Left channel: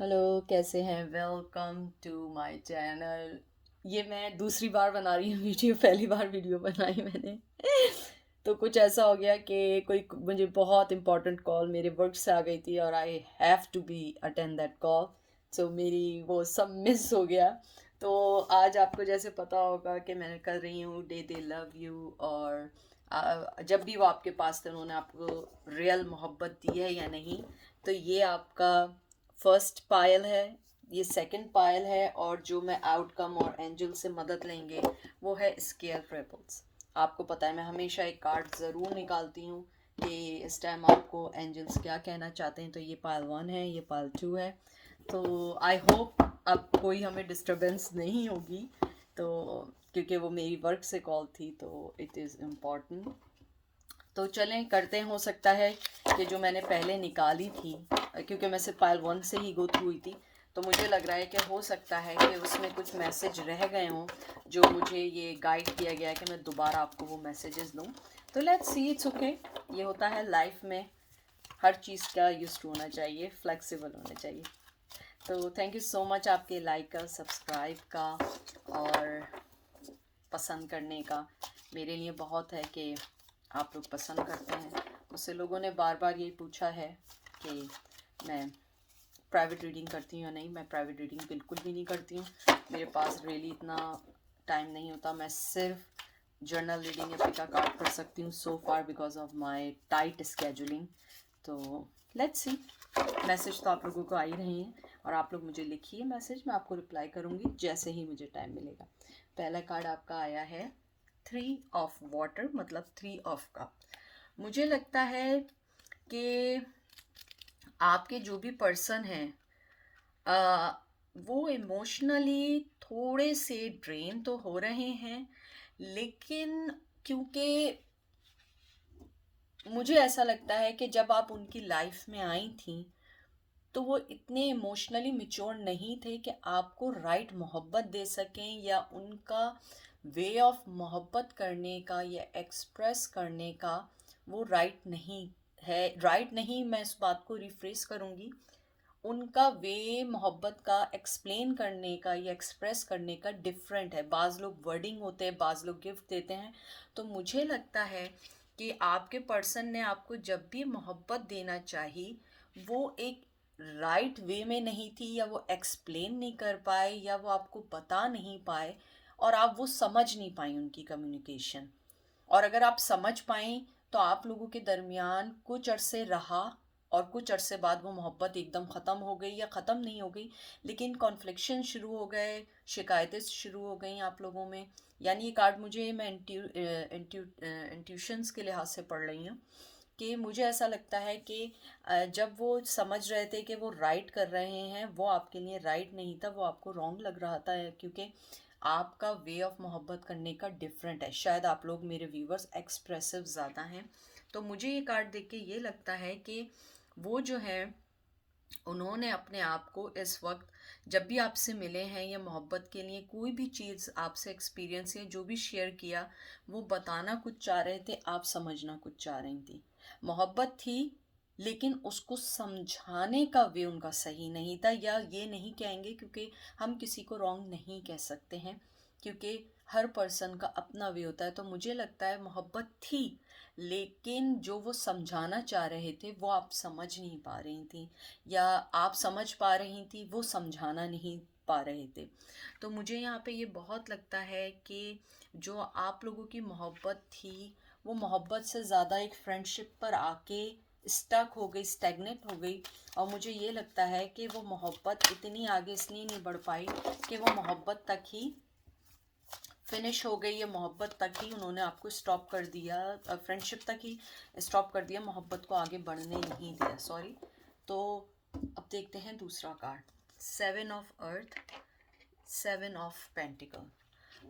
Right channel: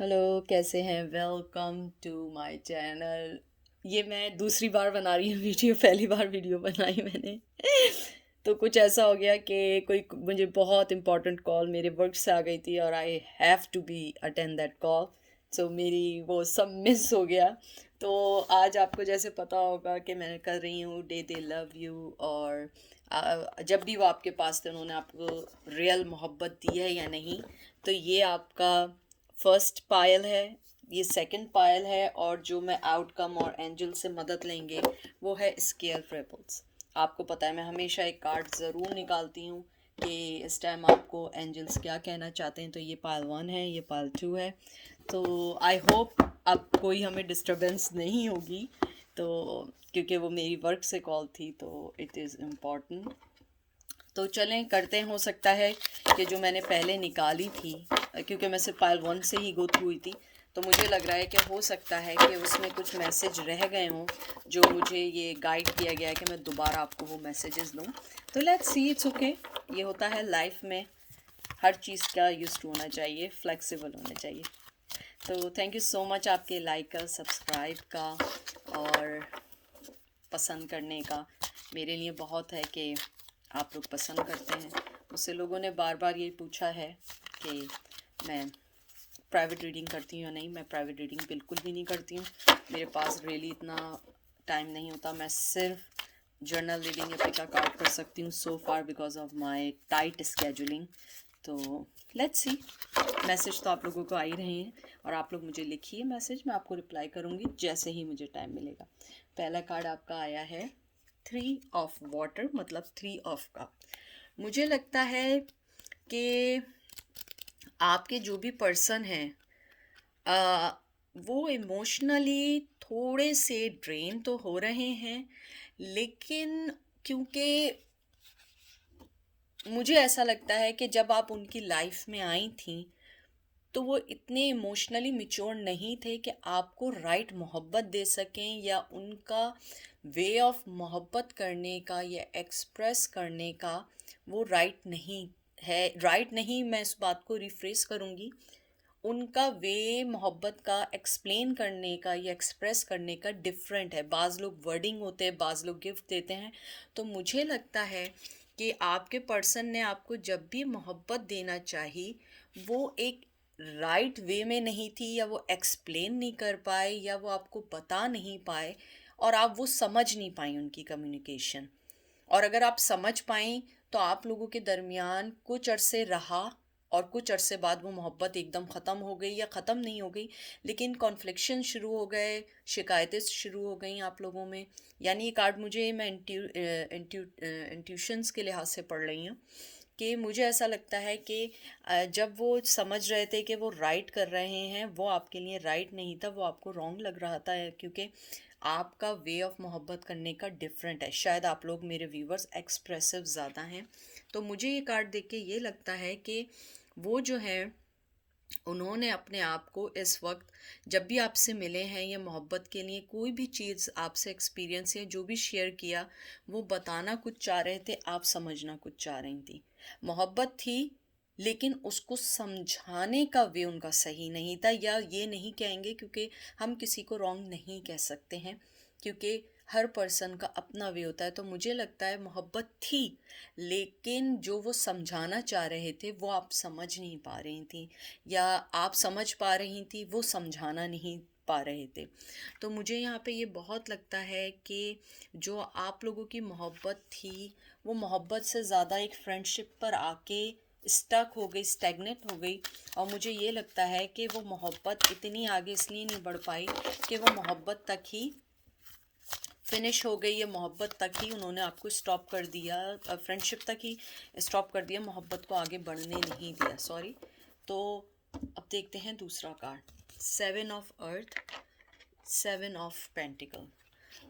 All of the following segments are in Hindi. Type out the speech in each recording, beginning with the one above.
हेलो, कैसे हैं? Welcome to my channel. ये मैं दूसरी बार बना रही हूँ वीडियो। पहली बार वीडियो बनाई मैंने तो कुछ ऐसा हो गया कि कोई मुझे बहुत इंपॉर्टेंट कॉल मेरे वर्क से आ गई थी और I have to be attend that call. So मेरी वो सब मिस हो गया। तो आज आपको जैसे पता होगा कि मैं कर रही हूँ डे दे लव यू। और जब भी वो आपके पास थे उन्होंने आपको रियल मोहब्बत दी है या नहीं। तो ये आपका फर्स्ट पायल है, ये सेकंड पायल है, और जो मैं आउटकम और एंजल से मदद लेंगे वो है स्केल ट्रिपल्स। आपको पता है मैं हमेशा एक कार्ड ज़रूर निकालती हूँ कि इस टाइम आपको एंजल्स क्या कहना चाहते हैं। तो ये पायल वन है, ये पायल टू है। तो आई होप अब कोई हमें डिस्टरबेंस नहीं होगी। तो क्योंकि वो मेरी वर्क से कॉल थी तो इट इज़ इम्पॉर्टेंट। तो चलें करते हैं। हो सकता है कि जो मैंने पहले निकाली थी, क्योंकि मैं सिर्फ पायल वन से ही गो थ्रू हुई थी, तो मुझे लग रहा है कि हो सकता है कि उसमें कुछ मैसेज रह गए हों जो मुझे ये गाइड किया गया है कि मैं दोबारा आपको वो मैसेजेस दूँ। तो लेट्स सी, इट्स ओके। ये होता है लाइफ में, हर चीज़ का यूज होना चाहिए, फ्लेक्सिबल होना चाहिए। तो थैंक यू सो मच आपके लाइक का, सब्सक्राइब का और पसंद करने का। मेरे लिए बहुत है कि आप लोग पसंद करते हैं। मुझसे लोगों ने बार बार ये पूछा है कि मैं प्राइवेट रीडिंग करती हूँ या नहीं। मैं प्राइवेट रीडिंग बिल्कुल भी नहीं करती हूँ। मेरे पास रियली इतना टाइम नहीं होता। मैं सिर्फ जर्नल रीडिंग या पिका कार्ड कर सकती हूँ so far because of my tight scheduling. तो लेट्स सी। मैसेज तो आप लोगों को आ ही रहे हैं और आप लोग मुझे लिखिए मैसेज, मैं आपको रिप्लाई करूँगी जैसे ही मुझे टाइम मिलेगा। पहला कार्ड आपका आया है थ्री ऑफ वाटर, मतलब थ्री ऑफ कप। मुझे लगता है कि आपके जो भी पर्सन हैं आ, वो इमोशनली थोड़े से ड्रेन तो हो रहे हैं, लेकिन क्योंकि मुझे ऐसा लगता है कि जब आप उनकी लाइफ में आई थी तो वो इतने इमोशनली मिच्योर नहीं थे कि आपको राइट मोहब्बत दे सकें, या उनका वे ऑफ मोहब्बत करने का या एक्सप्रेस करने का वो राइट नहीं है। राइट नहीं, मैं इस बात को रिफ्रेस करूँगी। उनका वे मोहब्बत का एक्सप्लेन करने का या एक्सप्रेस करने का डिफरेंट है। बाज़ लोग वर्डिंग होते हैं, बाज़ लोग गिफ्ट देते हैं। तो मुझे लगता है कि आपके पर्सन ने आपको जब भी मोहब्बत देना चाहिए वो एक राइट वे में नहीं थी, या वो एक्सप्लेन नहीं कर पाए, या वो आपको बता नहीं पाए, और आप वो समझ नहीं पाई उनकी कम्युनिकेशन। और अगर आप समझ पाएँ तो आप लोगों के दरमियान कुछ अरसे रहा, और कुछ अरसे बाद वो मोहब्बत एकदम ख़त्म हो गई, या ख़त्म नहीं हो गई लेकिन कॉन्फ्लिक्शन शुरू हो गए, शिकायतें शुरू हो गई आप लोगों में। यानी ये कार्ड मुझे, मैं इंट्यूशंस के लिहाज से पढ़ रही हूँ कि मुझे ऐसा लगता है कि जब वो समझ रहे थे कि वो राइट कर रहे हैं, वो आपके लिए राइट नहीं था, वो आपको रॉन्ग लग रहा था, क्योंकि आपका वे ऑफ मोहब्बत करने का डिफरेंट है। शायद आप लोग मेरे व्यूवर्स एक्सप्रेसिव ज़्यादा हैं। तो मुझे ये कार्ड देख के ये लगता है कि वो जो है उन्होंने अपने आप को इस वक्त जब भी आपसे मिले हैं या मोहब्बत के लिए कोई भी चीज़ आपसे एक्सपीरियंस या जो भी शेयर किया, वो बताना कुछ चाह रहे थे, आप समझना कुछ चाह रही थी। मोहब्बत थी लेकिन उसको समझाने का वे उनका सही नहीं था, या ये नहीं कहेंगे क्योंकि हम किसी को रॉन्ग नहीं कह सकते हैं, क्योंकि हर पर्सन का अपना वे होता है। तो मुझे लगता है मोहब्बत थी लेकिन जो वो समझाना चाह रहे थे वो आप समझ नहीं पा रही थी, या आप समझ पा रही थी वो समझाना नहीं पा रहे थे। तो मुझे यहाँ पे ये बहुत लगता है कि जो आप लोगों की मोहब्बत थी वो मोहब्बत से ज़्यादा एक फ्रेंडशिप पर आके स्टक हो गई, स्टैग्नेट हो गई। और मुझे ये लगता है कि वो मोहब्बत इतनी आगे इसलिए नहीं बढ़ पाई कि वो मोहब्बत तक ही फिनिश हो गई, या मोहब्बत तक ही उन्होंने आपको स्टॉप कर दिया, फ्रेंडशिप तक ही स्टॉप कर दिया, मोहब्बत को आगे बढ़ने नहीं दिया, सॉरी। तो अब देखते हैं दूसरा card, seven of earth, seven of pentacle.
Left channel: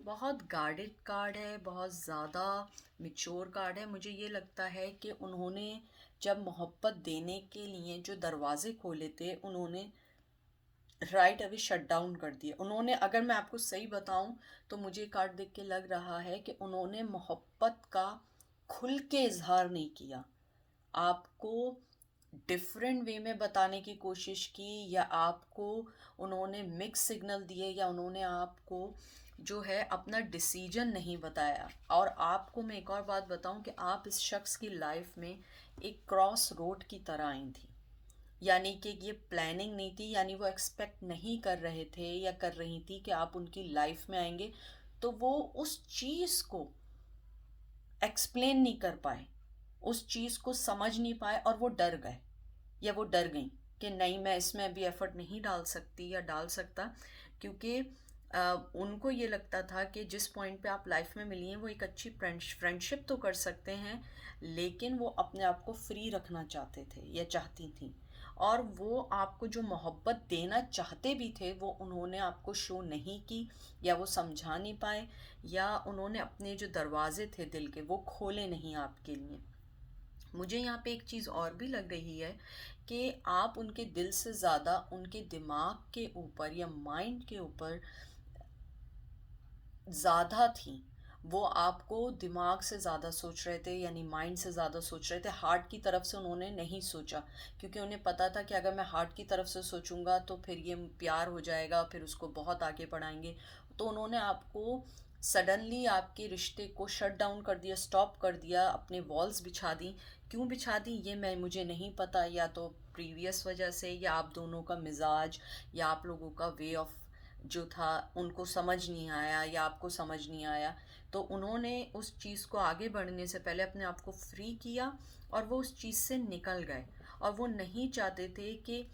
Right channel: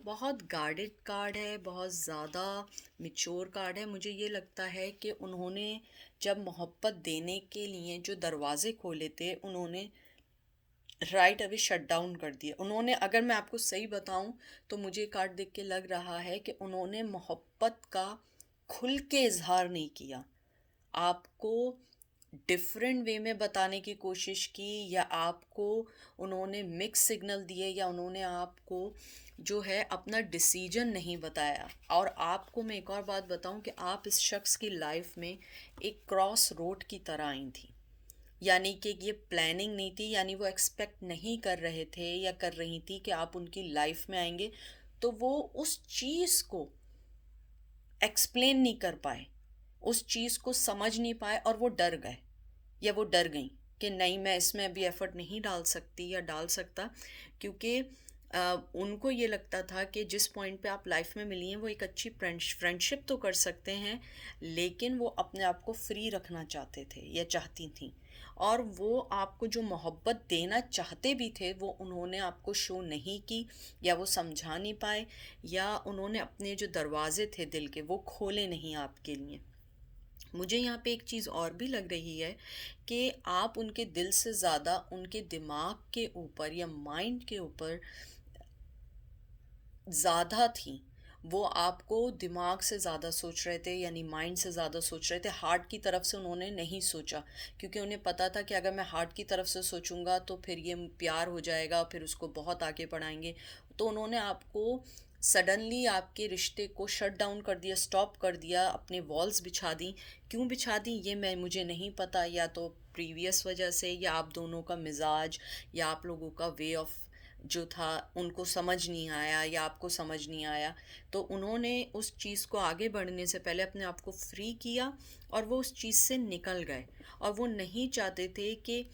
बहुत गार्डेड कार्ड है, बहुत ज़्यादा मिच्योर कार्ड है। मुझे ये लगता है कि उन्होंने जब मोहब्बत देने के लिए जो दरवाजे खोले थे उन्होंने राइट अभी शट डाउन कर दिया उन्होंने। अगर मैं आपको सही बताऊं तो मुझे कार्ड देख के लग रहा है कि उन्होंने मोहब्बत का खुल के इजहार नहीं किया। आपको डिफरेंट वे में बताने की कोशिश की, या आपको उन्होंने मिक्स सिग्नल दिए, या उन्होंने आपको जो है अपना डिसीजन नहीं बताया। और आपको मैं एक और बात बताऊं कि आप इस शख्स की लाइफ में एक क्रॉस रोड की तरह आई थी, यानी कि ये प्लानिंग नहीं थी, यानी वो एक्सपेक्ट नहीं कर रहे थे या कर रही थी कि आप उनकी लाइफ में आएंगे, तो वो उस चीज़ को एक्सप्लेन नहीं कर पाए, उस चीज़ को समझ नहीं पाए, और वो डर गए या वो डर गई कि नहीं, मैं इसमें अभी एफर्ट नहीं डाल सकती या डाल सकता, क्योंकि उनको ये लगता था कि जिस पॉइंट पे आप लाइफ में मिली हैं वो एक अच्छी फ्रेंडशिप तो कर सकते हैं, लेकिन वो अपने आप को फ्री रखना चाहते थे या चाहती थी, और वो आपको जो मोहब्बत देना चाहते भी थे वो उन्होंने आपको शो नहीं की, या वो समझा नहीं पाए, या उन्होंने अपने जो दरवाजे थे दिल के वो खोले नहीं आपके लिए। मुझे यहाँ पे एक चीज़ और भी लग रही है कि आप उनके दिल से ज़्यादा उनके दिमाग के ऊपर या माइंड के ऊपर ज़्यादा थी। वो आपको दिमाग से ज़्यादा सोच रहे थे, यानी माइंड से ज़्यादा सोच रहे थे, हार्ट की तरफ से उन्होंने नहीं सोचा, क्योंकि उन्हें पता था कि अगर मैं हार्ट की तरफ से सोचूंगा तो फिर ये प्यार हो जाएगा, फिर उसको बहुत आगे बढ़ाएंगे। तो उन्होंने आपको सडनली आपके रिश्ते को शट डाउन कर दिया, स्टॉप कर दिया, अपने वॉल्स बिछा दी। क्यों बिछा दी ये मैं मुझे नहीं पता, या तो प्रीवियस वजह से, या आप दोनों का मिजाज, या आप लोगों का वे ऑफ जो था उनको समझ नहीं आया, या आपको समझ नहीं आया। तो उन्होंने उस चीज़ को आगे बढ़ने से पहले अपने आप को फ्री किया, और वो उस चीज़ से निकल गए। और वो नहीं चाहते थे कि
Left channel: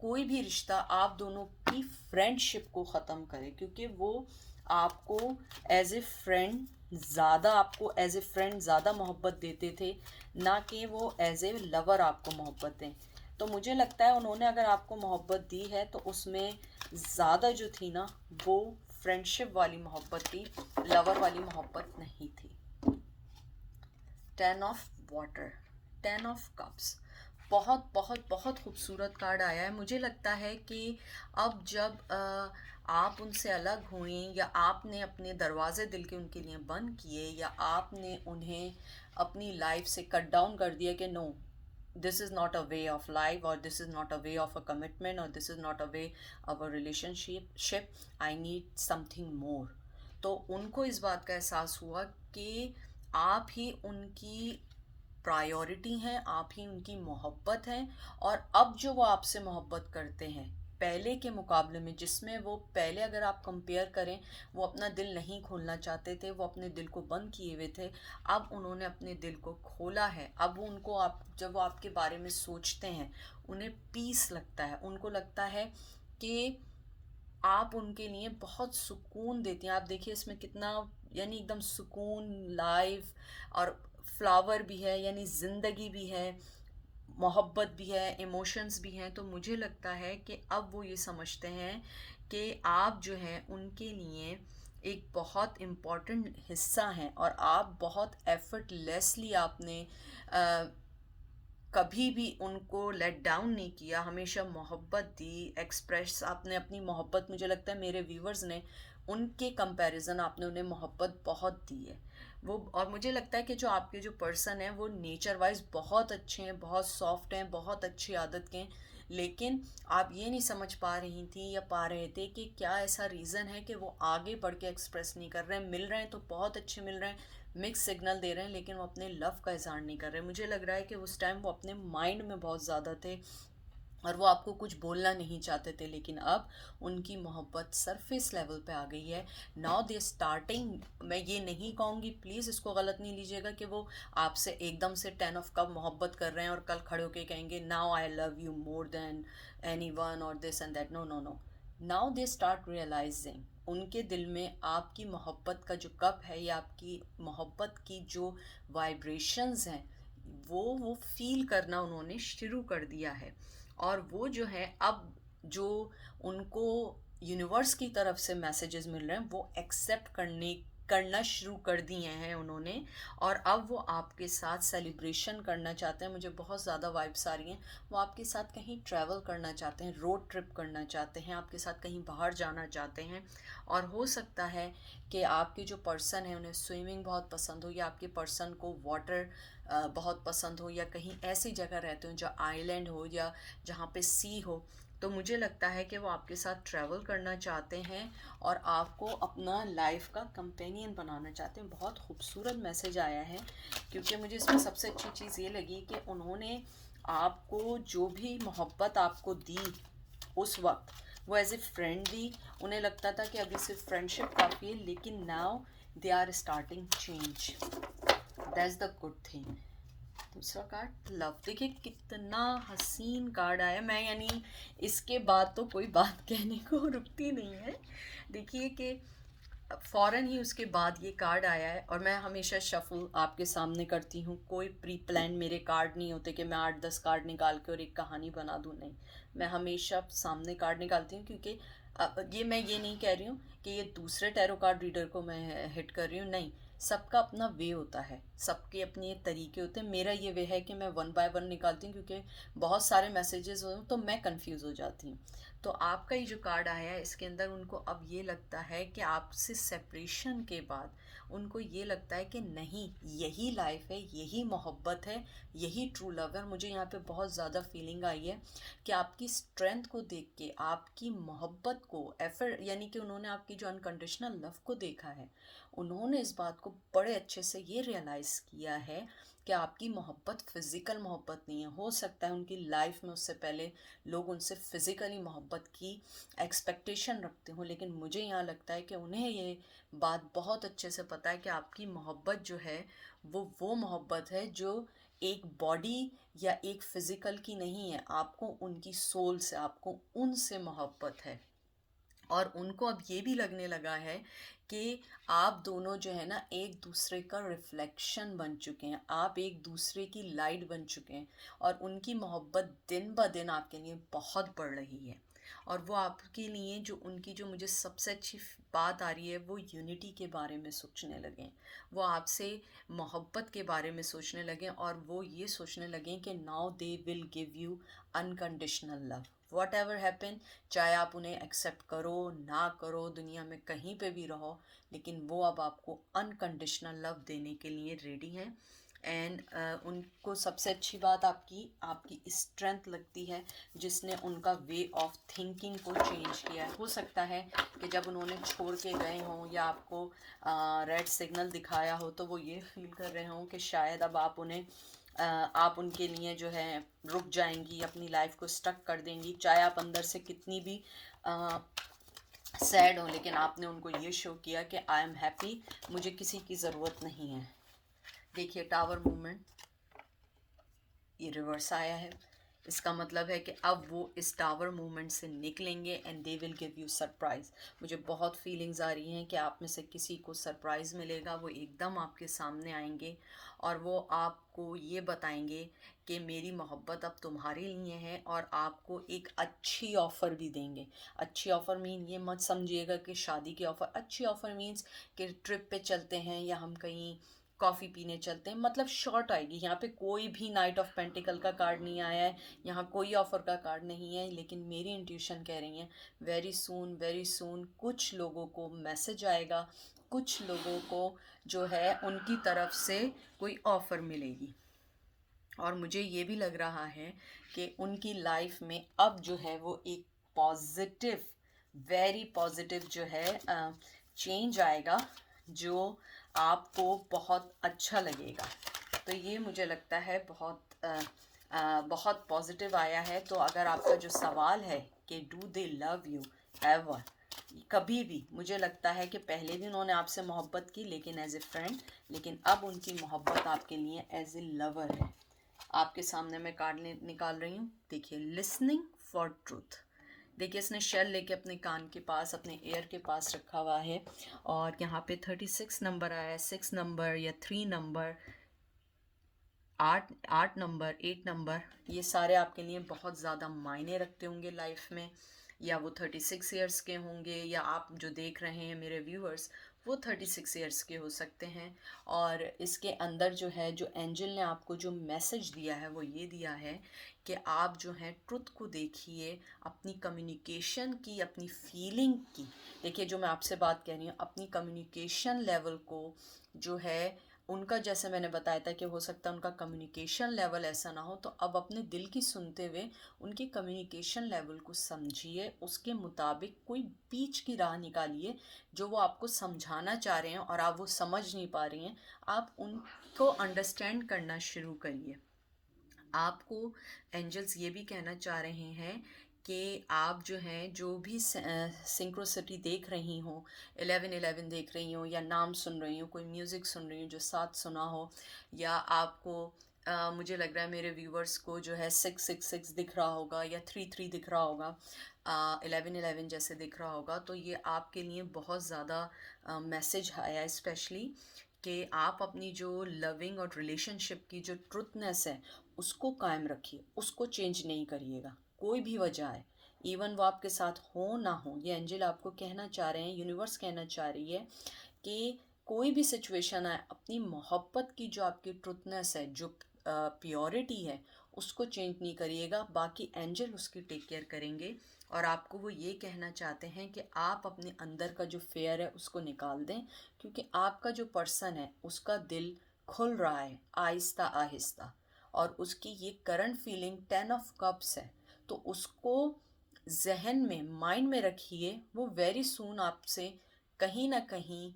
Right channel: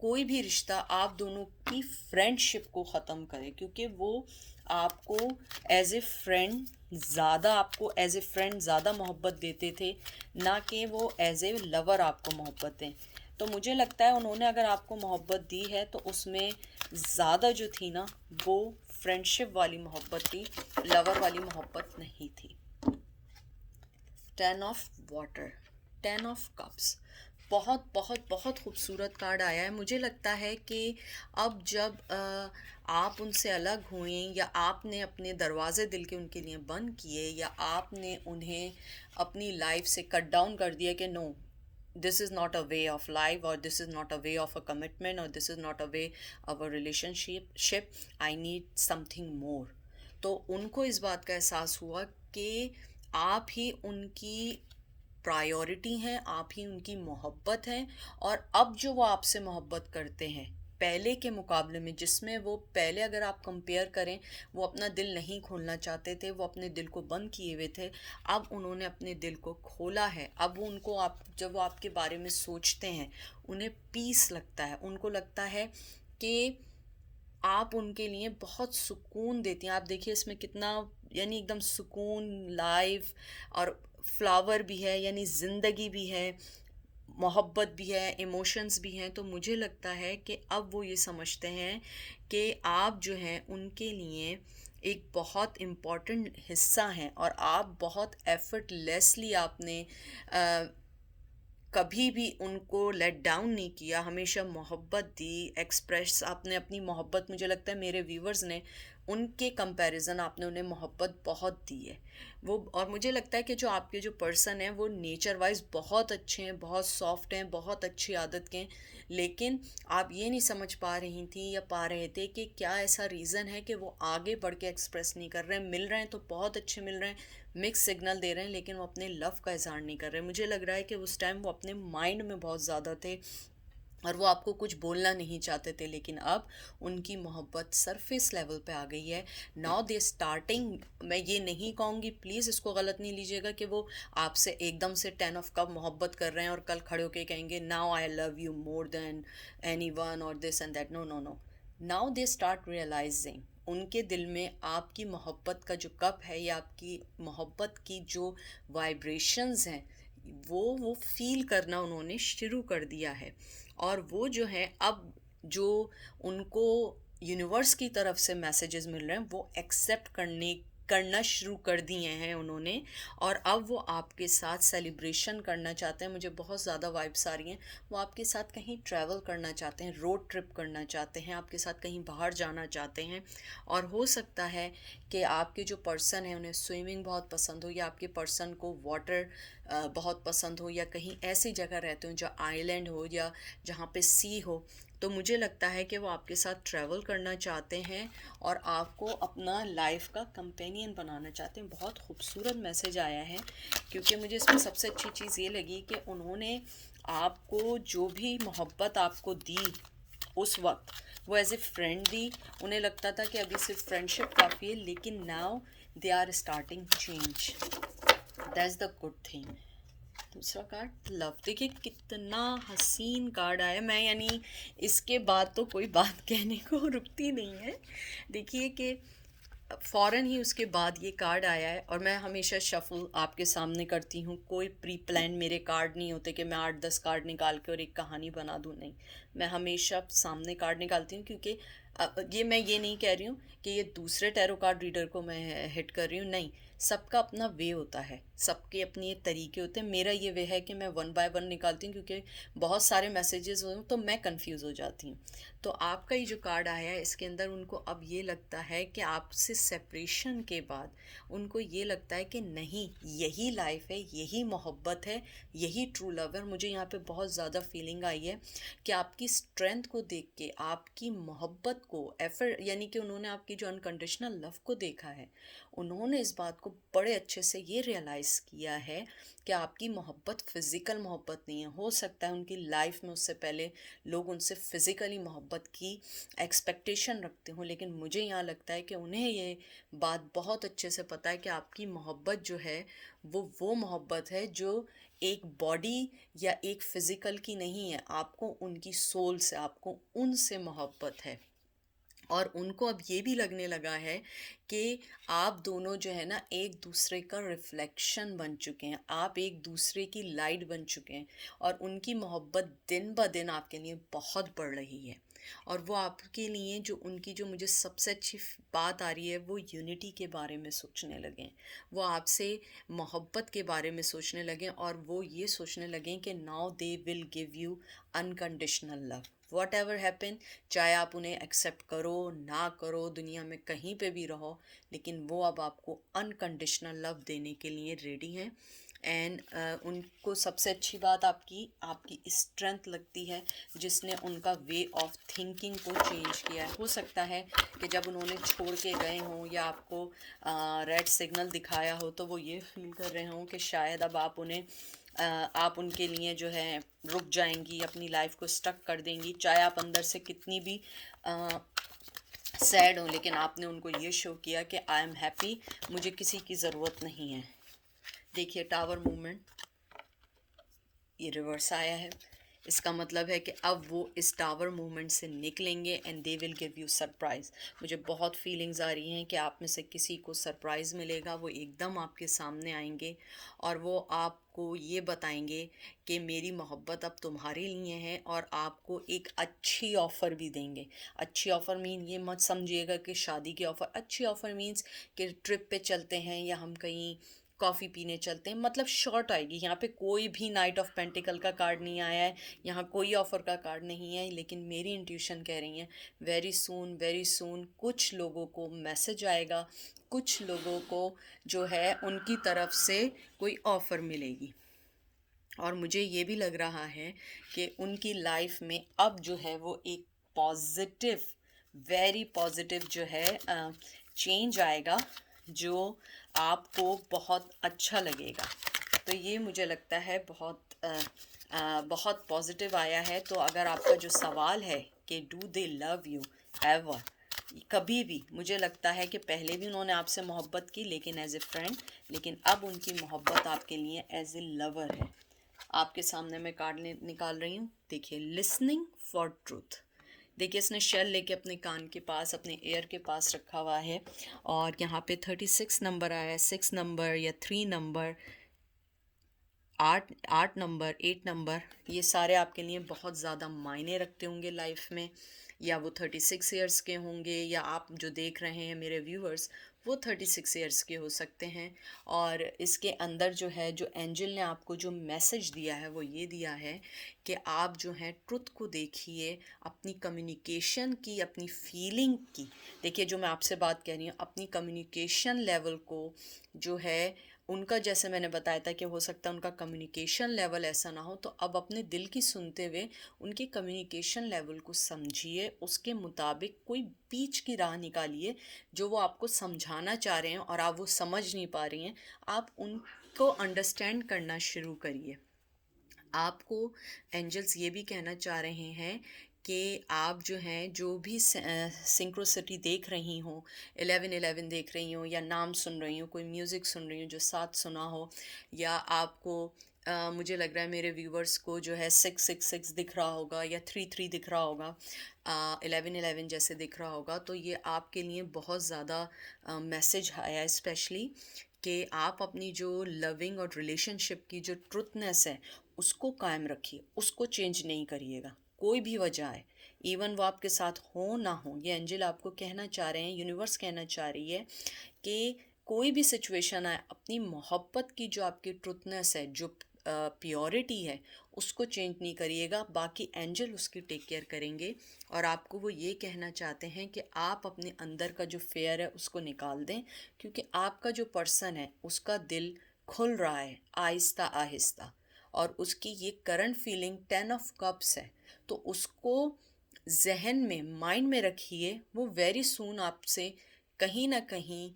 कोई भी रिश्ता आप दोनों की फ्रेंडशिप को ख़त्म करे, क्योंकि वो आपको एज ए फ्रेंड ज़्यादा, आपको एज ए फ्रेंड ज़्यादा मोहब्बत देते थे, ना कि वो एज ए लवर आपको मोहब्बत दें। तो मुझे लगता है उन्होंने अगर आपको मोहब्बत दी है तो उसमें ज़्यादा जो थी ना, वो फ्रेंडशिप वाली मोहब्बत थी, लवर वाली मोहब्बत नहीं थी। 10 ऑफ वाटर, 10 ऑफ कप्स, बहुत बहुत बहुत खूबसूरत कार्ड आया है। मुझे लगता है कि अब जब आप उनसे अलग हुए, या आपने अपने दरवाजे दिल के उनके लिए बंद किए, या आपने उन्हें अपनी लाइफ से कट डाउन कर दिया कि no, this is not a way of life, or this is not a way of a commitment, or this is not a way of a relationship, I need something more, तो उनको इस बात का एहसास हुआ कि आप ही उनकी प्रायोरिटी हैं, आप ही उनकी मोहब्बत हैं। और अब जो वो आपसे मोहब्बत करते हैं पहले के मुकाबले में, जिसमें वो पहले अगर आप कंपेयर करें वो अपना दिल नहीं खोलना चाहते थे, वो अपने दिल को बंद किए हुए थे, अब उन्होंने अपने दिल को खोला है। अब वो उनको, आप जब वो आपके बारे में सोचते हैं उन्हें पीस लगता है, उनको लगता है कि आप उनके लिए बहुत सुकून देती हैं। आप देखिए इसमें कितना, यानी एकदम सुकून, लाइफ, और फ्लावर भी है, यानी ज़िंदगी भी है, मोहब्बत भी है, इमोशंस भी हैं। तो मुझे लगता है कि अब वो ये समझते हैं कि आप जो हैं उनके लिए एक बहुत इम्पॉर्टेंट हिस्सा हैं, और आप बहुत एफर्टलेसली आपने कभी भी उनको लेट डाउन नहीं किया, हमेशा मोहब्बत दी, एक्सप्रेस आपने अपनी मोहब्बत। मुझे लगता है मेरे व्यूवर्स ने उनके कंपैरिजन आपने उन्हें मोहब्बत बहुत दी है वो। और मुझे लगता है कि जो आपके जो पर्सन हैं वो नेचर वाइज बहुत अच्छे हैं, बहुत सॉफ्ट हैं, बहुत अच्छी आदत के हैं, लेकिन आप ये नहीं समझ पा रही थी या पा रहे थे कि क्या ऐसा रीज़न है कि वो आगे बढ़ के एक्सप्रेस नहीं कर रहे हैं। मिल रहे हैं तो बहुत अच्छे मिल रहे हैं, मिक्स सिग्नल दे रहे हैं, लेकिन वो अपने लव का इजहार नहीं कर रहे। मुझे लग रहा है कि उस टाइम वो अपने माइंड में बहुत ज़्यादा थे, और वो आपको कुछ बोलना नहीं चाहते थे, लेकिन अब उनकी मोहब्बत सरफेस लेवल पे आ गई है। नाउ दे स्टार्टिंग, मैं ये नहीं कहूँगी, प्लीज़ इसको गलत नहीं लीजिएगा कि वो आपसे एकदम से 10 ऑफ कप मोहब्बत कर रहे हैं और कल खड़े होके कहेंगे now I love you more than anyone और this and that. No no no, now they start realising, उनके दिल में आपकी मोहब्बत का जो कप है, या आपकी मोहब्बत की जो वाइब्रेशंस हैं, वो फील करना उन्होंने शुरू कर दिया है। और वो जो है अब जो उनको यूनिवर्स की तरफ से मैसेजेस मिल रहे हैं वो एक्सेप्ट करना शुरू कर दिए हैं उन्होंने। और अब वो आपके साथ सेलिब्रेशन करना चाहते हैं। मुझे बहुत ज़्यादा वाइब्स आ रही हैं, वो आपके साथ कहीं ट्रैवल करना चाहते हैं, रोड ट्रिप करना चाहते हैं, आपके साथ कहीं बाहर जाना चाहते हैं। और हो सकता है कि आपके जो पर्सन है उन्हें स्विमिंग बहुत पसंद हो, या आपके पर्सन को वाटर बहुत पसंद हो, या कहीं ऐसी जगह रहते हो जहाँ आइलैंड हो या जहाँ पे सी हो, तो मुझे लगता है कि वो आपके साथ ट्रैवल करना चाहते हैं और आपको अपना लाइफ का कंपेनियन बनाना चाहते हैं। बहुत खूबसूरत मैसेज आया है, क्योंकि मुझे इसमें सबसे अच्छी चीज़ ये लगी कि उन्होंने आपको जो भी मोहब्बत आपको दी उस वक्त, वो एज ए फ्रेंड दी। उन्हें लगता था कि अभी सिर्फ फ्रेंडशिप काफ़ी है, लेकिन now they are starting change. That's the good thing. दूसरा कार्ड लव, देखिए कितना हसीन कार्ड आया। मैं यानी इसके बाद तो कोई बात कहने को रुकती नहीं है। देखिए कि फ़ौरन ही उसके बाद ये कार्ड आया है, और मैं हमेशा शफ़ल आपके सामने करती हूँ। कोई प्री प्लान मेरे कार्ड नहीं होते कि मैं 8-10 कार्ड निकाल के और एक कहानी बना दूँ, नहीं। मैं हमेशा सामने कार्ड निकालती हूँ, क्योंकि ये नहीं कह रही हूँ कि ये दूसरे टैरो कार्ड रीडर को मैं हिट कर रही हूँ, नहीं। सबका अपना वे होता है, सबके अपने तरीके होते हैं। मेरा ये वे है कि मैं वन बाय वन निकालती हूँ, क्योंकि बहुत सारे मैसेजेस हो तो मैं कंफ्यूज हो जाती हूँ। तो आपका ये जो कार्ड आया है, इसके अंदर उनको अब ये लगता है कि आपसे सेपरेशन के बाद उनको ये लगता है कि नहीं, यही लाइफ है, यही मोहब्बत है, यही ट्रू लव है। और मुझे यहाँ पे बहुत ज़्यादा फीलिंग आई है कि आपकी स्ट्रेंथ को देख के, आपकी मोहब्बत को, एफर्ट, यानी कि उन्होंने आपकी जो अनकंडीशनल लव को देखा है, उन्होंने इस बात को बड़े अच्छे से ये रियलाइज़ किया है कि आपकी मोहब्बत फ़िज़िकल मोहब्बत नहीं है। हो सकता है उनकी लाइफ में उससे पहले लोग उनसे फ़िज़िकली मोहब्बत की एक्सपेक्टेशन रखते हों, लेकिन मुझे यहाँ लगता है कि उन्हें ये बात बहुत अच्छे से पता है कि आपकी मोहब्बत जो है वो मोहब्बत है जो एक बॉडी या एक फ़िज़िकल की नहीं है। आपको उनकी सोल से, आपको उनसे मोहब्बत है। और उनको अब ये भी लगने लगा है कि आप दोनों जो है ना, एक दूसरे का रिफ्लेक्शन बन चुके हैं, आप एक दूसरे की लाइट बन चुके हैं, और उनकी मोहब्बत दिन ब दिन आपके लिए बहुत बढ़ रही है। और वो आपके लिए जो उनकी जो मुझे सबसे अच्छी बात आ रही है, वो यूनिटी के बारे में सोचने लगे, वो आपसे मोहब्बत के बारे में सोचने लगे, और वो ये सोचने लगे कि now they will give you unconditional love, what ever happen. चाहे आप उन्हें एक्सेप्ट करो ना करो, दुनिया में कहीं पे भी रहो, लेकिन वो अब आपको अनकंडीशनल लव देने के लिए रेडी हैं। एंड उनको सबसे अच्छी बात आपकी आपकी स्ट्रेंथ लगती है, जिसने उनका वे ऑफ थिंकिंग को चेंज किया है। हो सकता है कि जब उन्होंने छोड़ के गए हों या आपको रेड सिग्नल दिखाया हो, तो वो ये फील कर रहे हों कि शायद अब आप उन्हें आप उनके लिए जो है रुक जाएंगी, अपनी लाइफ को स्टक कर देंगी। चाहे आप अंदर से कितनी भी सैड हो, लेकिन आपने उनको ये शो किया कि आई एम हैप्पी, मुझे किसी की ज़रूरत नहीं है। देखिए टावर मूवमेंट, ये रिवर्स आया है। इसका मतलब है कि अब वो इस टावर मूवमेंट से निकलेंगे and they will give you surprise. मुझे बहुत फीलिंग्स आ रही हैं कि आप में से किसी को सरप्राइज़ मिलेगा, वो एकदम आपके सामने आएंगे और वो आपको ये बताएंगे कि मेरी मोहब्बत अब तुम्हारे लिए है, और आपको एक अच्छी ऑफ़र भी देंगे। अच्छी ऑफ़र मीन ये मत समझिएगा कि शादी की ऑफ़र, अच्छी ऑफ़र मीन्स कि ट्रिप पे चलते हैं या हम कहीं कॉफ़ी पीने चलते हैं, मतलब शॉर्ट आएगी। यहाँ पे कोई भी नाइट ऑफ पेंटिकल का कार्ड नहीं आया है, यहाँ कोई ऑफ़र का कार्ड नहीं है, लेकिन मेरी इंट्यूशन कह रही है वेरी सून कुछ लोगों को मैसेज आएगा, कुछ लोगों को जो है उनकी तरफ से कोई ऑफ़र मिलेगी। और मुझे ये भी लग रहा है कि उनकी लाइफ में अब जो है वो एक पॉजिटिव, वेरी पॉजिटिव जो है चेंज आएगा, जो आपको बहुत अच्छा लगेगा। तो ये मुझे लगता है बहुत पॉजिटिव आया है। तो अगर आपका जो सवाल है कि do they love you ever, कभी भी, मुझे लगता है कि पहले भी उन्होंने आपसे मोहब्बत की, लेकिन एज ए फ्रेंड, लेकिन अब उनकी मोहब्बत आपके लिए एज ए लवर है। आपके सामने मैं कार्ड निकाल रही हूँ। देखिए लिसनिंग फॉर ट्रूथ। देखिए इसने शेल लेके अपने कान के पास, अपने एयर के पास रखा हुआ है, और यहाँ पे 36 नंबर आया है, 6 नंबर या 3 नंबर, आठ नंबर, 8 नंबर, ये सारे आपके लिए बहुत ज़्यादा मायने रखते होंगे लाइफ में। या वो 36 ईयर्स के होंगे, या आप जो देख रहे हैं मेरे व्यूअर्स, वो 36 ईयर्स के हो सकते हैं। और इसके अंदर जो है, जो एंजल ने आपको जो मैसेज दिया है, वो ये दिया है कि आप जो हैं ट्रुथ को देखिए, अपनी कम्युनिकेशन की, अपनी फीलिंग की। देखिए जो मैं आपसे बात कह रही हूँ, अपनी कम्युनिकेशन लेवल को जो है उनका जैसे मैंने बताया था कि हो सकता है उनका कम्युनिकेशन लेवल ऐसा ना हो, तो अब अपने दिल की सुनते हुए उनके कम्युनिकेशन लेवल को समझिए, उसके मुताबिक कोई बीच की राह निकालिए जो वो आपको समझाना चाह रहे हैं और आप वो समझ नहीं पा रही हैं। आप उनको अंडरस्टैंड करना शुरू करिए। आपको एंजल्स ये भी कहना चाह रहे हैं कि आप जो हैं, जो भी सिंक्रोसिटी देख रही हो, 1111 देख रही हो, या नाम सुन रही हो, कोई म्यूज़िक सुन रही हो जो साथ सुना हो, या आपको मुझे लग रहा है मेरे व्यूवर्स को जो है 666 दिख रहा होगा या 33 दिख रहा होगा, 1111 जैसे दिख रहा होगा, तो ये आपके लिए बहुत ज़्यादा मैसेज आया है स्पेशली, कि आप अपनी जो लविंग और रिलेशनशिप की जो ट्रुथनेस है उसको कायम रखिए, उसको चेंज नहीं करिएगा, कोई भी वजह है, इवन वो आपके साथ हो ना हो। ये एंजल आपको कहना चाह रहे हैं, यूनिवर्स कहना चाह रही है कि कोई भी सिचुएशन आए, अपनी मोहब्बत की जो आपकी ट्रुथनेस है, जो प्योरिटी है, उसको चेंज नहीं करिएगा, बाकी एंजल उसकी टेक केयर करेंगे। और आपको वो ये कहना चाहते हैं कि आप अपने अंदर का जो फेयर है उसको निकाल दें, क्योंकि आपका जो पर्सन है उसका दिल खुल रहा है आहिस्ता आहिस्ता, और उसकी ये करंट फीलिंग 10 ऑफ कप्स है, तो उसको जहन में, माइंड में रखिए। वो वेरी सून आपसे कहीं ना कहीं,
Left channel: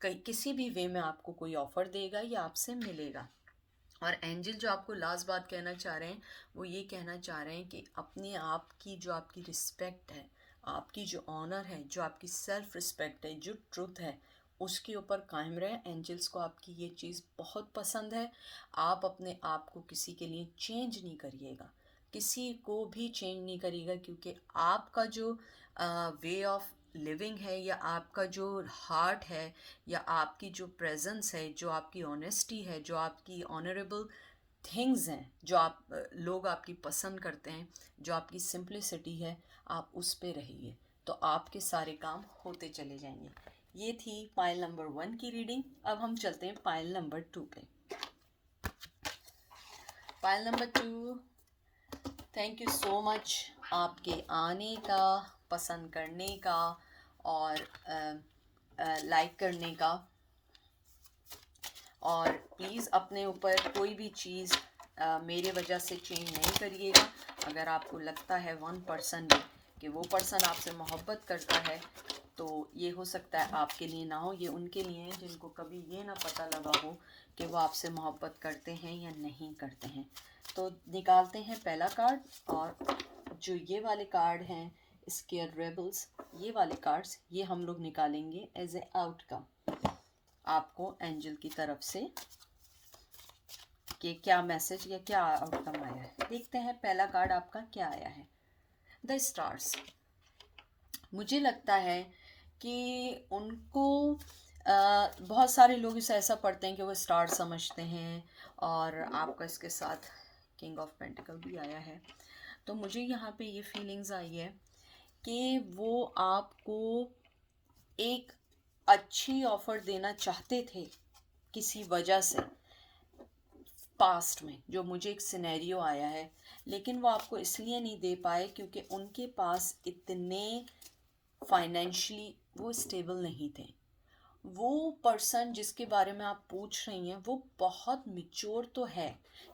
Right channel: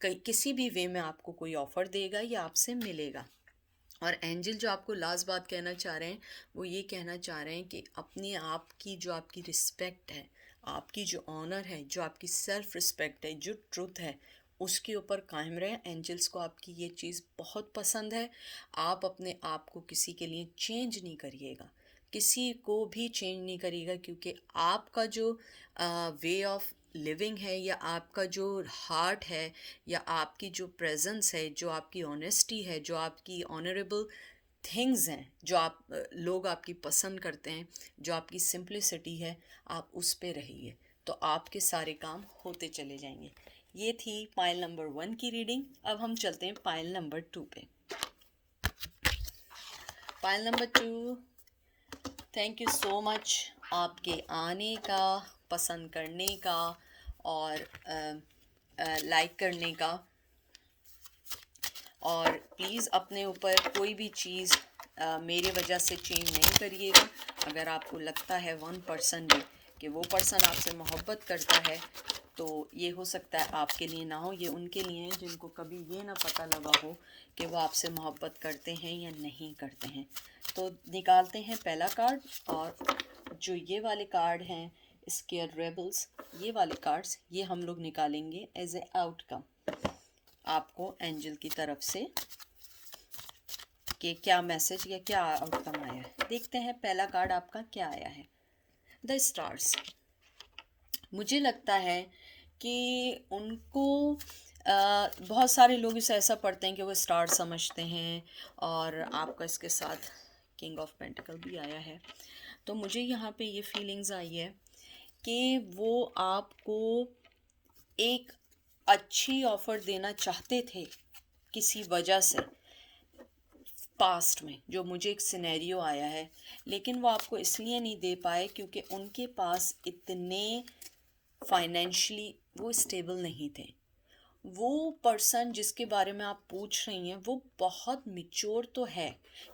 किसी भी वे में आपको कोई ऑफ़र देगा या आपसे मिलेगा। और एंजल जो आपको लास्ट बात कहना चाह रहे हैं, वो ये कहना चाह रहे हैं कि अपने आप की जो आपकी रिस्पेक्ट है, आपकी जो ऑनर है, जो आपकी सेल्फ रिस्पेक्ट है, जो ट्रुथ है, उसके ऊपर कायम रहें। एंजल्स को आपकी ये चीज़ बहुत पसंद है। आप अपने आप को किसी के लिए चेंज नहीं करिएगा, किसी को भी चेंज नहीं करिएगा, क्योंकि आपका जो वे ऑफ लिविंग है, या आपका जो हार्ट है, या आपकी जो प्रेजेंस है, जो आपकी ऑनेस्टी है, जो आपकी ऑनरेबल थिंग्स हैं, जो लोग आपकी पसंद करते हैं, जो आपकी सिंप्लिसिटी है, आप उस पे रहिए, तो आपके सारे काम होते चले जाएंगे। ये थी पाइल नंबर 1 की रीडिंग। अब हम चलते हैं पाइल नंबर 2 पे। Pile number 2, thank you so much आपके आने का, पसंद करने का, और लाइक करने का। और प्लीज़ अपने ऊपर कोई भी चीज़ मेरे वजह से चेंज नहीं करिएगा। अगर आपको लगता है 1% भी कि वो पर्सन आपसे मोहब्बत करता है, तो ये हो सकता है आपके लिए ना हो, ये उनके लिए है जिनको कभी ये ना पता लगा हो कि वो आपसे मोहब्बत करते हैं या नहीं करते हैं। तो निकालते हैं पहला कार्ड, और जो ये वाले कार्ड हैं, स्केयर रेबल्स, ये वाले कार्ड्स ये हम लोग निकालेंगे एज ए आउटकम आपको एंजल की तरफ से, कि क्या मैसेज या क्या आउटकम आया है। देखते हैं पहला कार्ड आपका क्या आया है, द स्टार्स। मुझे लगता है कि उनको बहुत सारे लोग इसे ऐसा पढ़ते हैं कि वो स्टार समझते हैं, और आपका इसके साथ किंग ऑफ पेंटिकल भी आया है। तो मुझे यहाँ पे ये फीलिंग्स आई है कि वो आपको एक अच्छी ऑफ़र देना चाहते थे किसी वजह से, पास्ट में जो मुझे एक सिनेरियो आया है, लेकिन वो आपको इसलिए नहीं दे पाए क्योंकि उनके पास इतने फाइनेंशियली वो स्टेबल नहीं थे। वो पर्सन जिसके बारे में आप पूछ रही हैं वो बहुत मिच्योर तो है,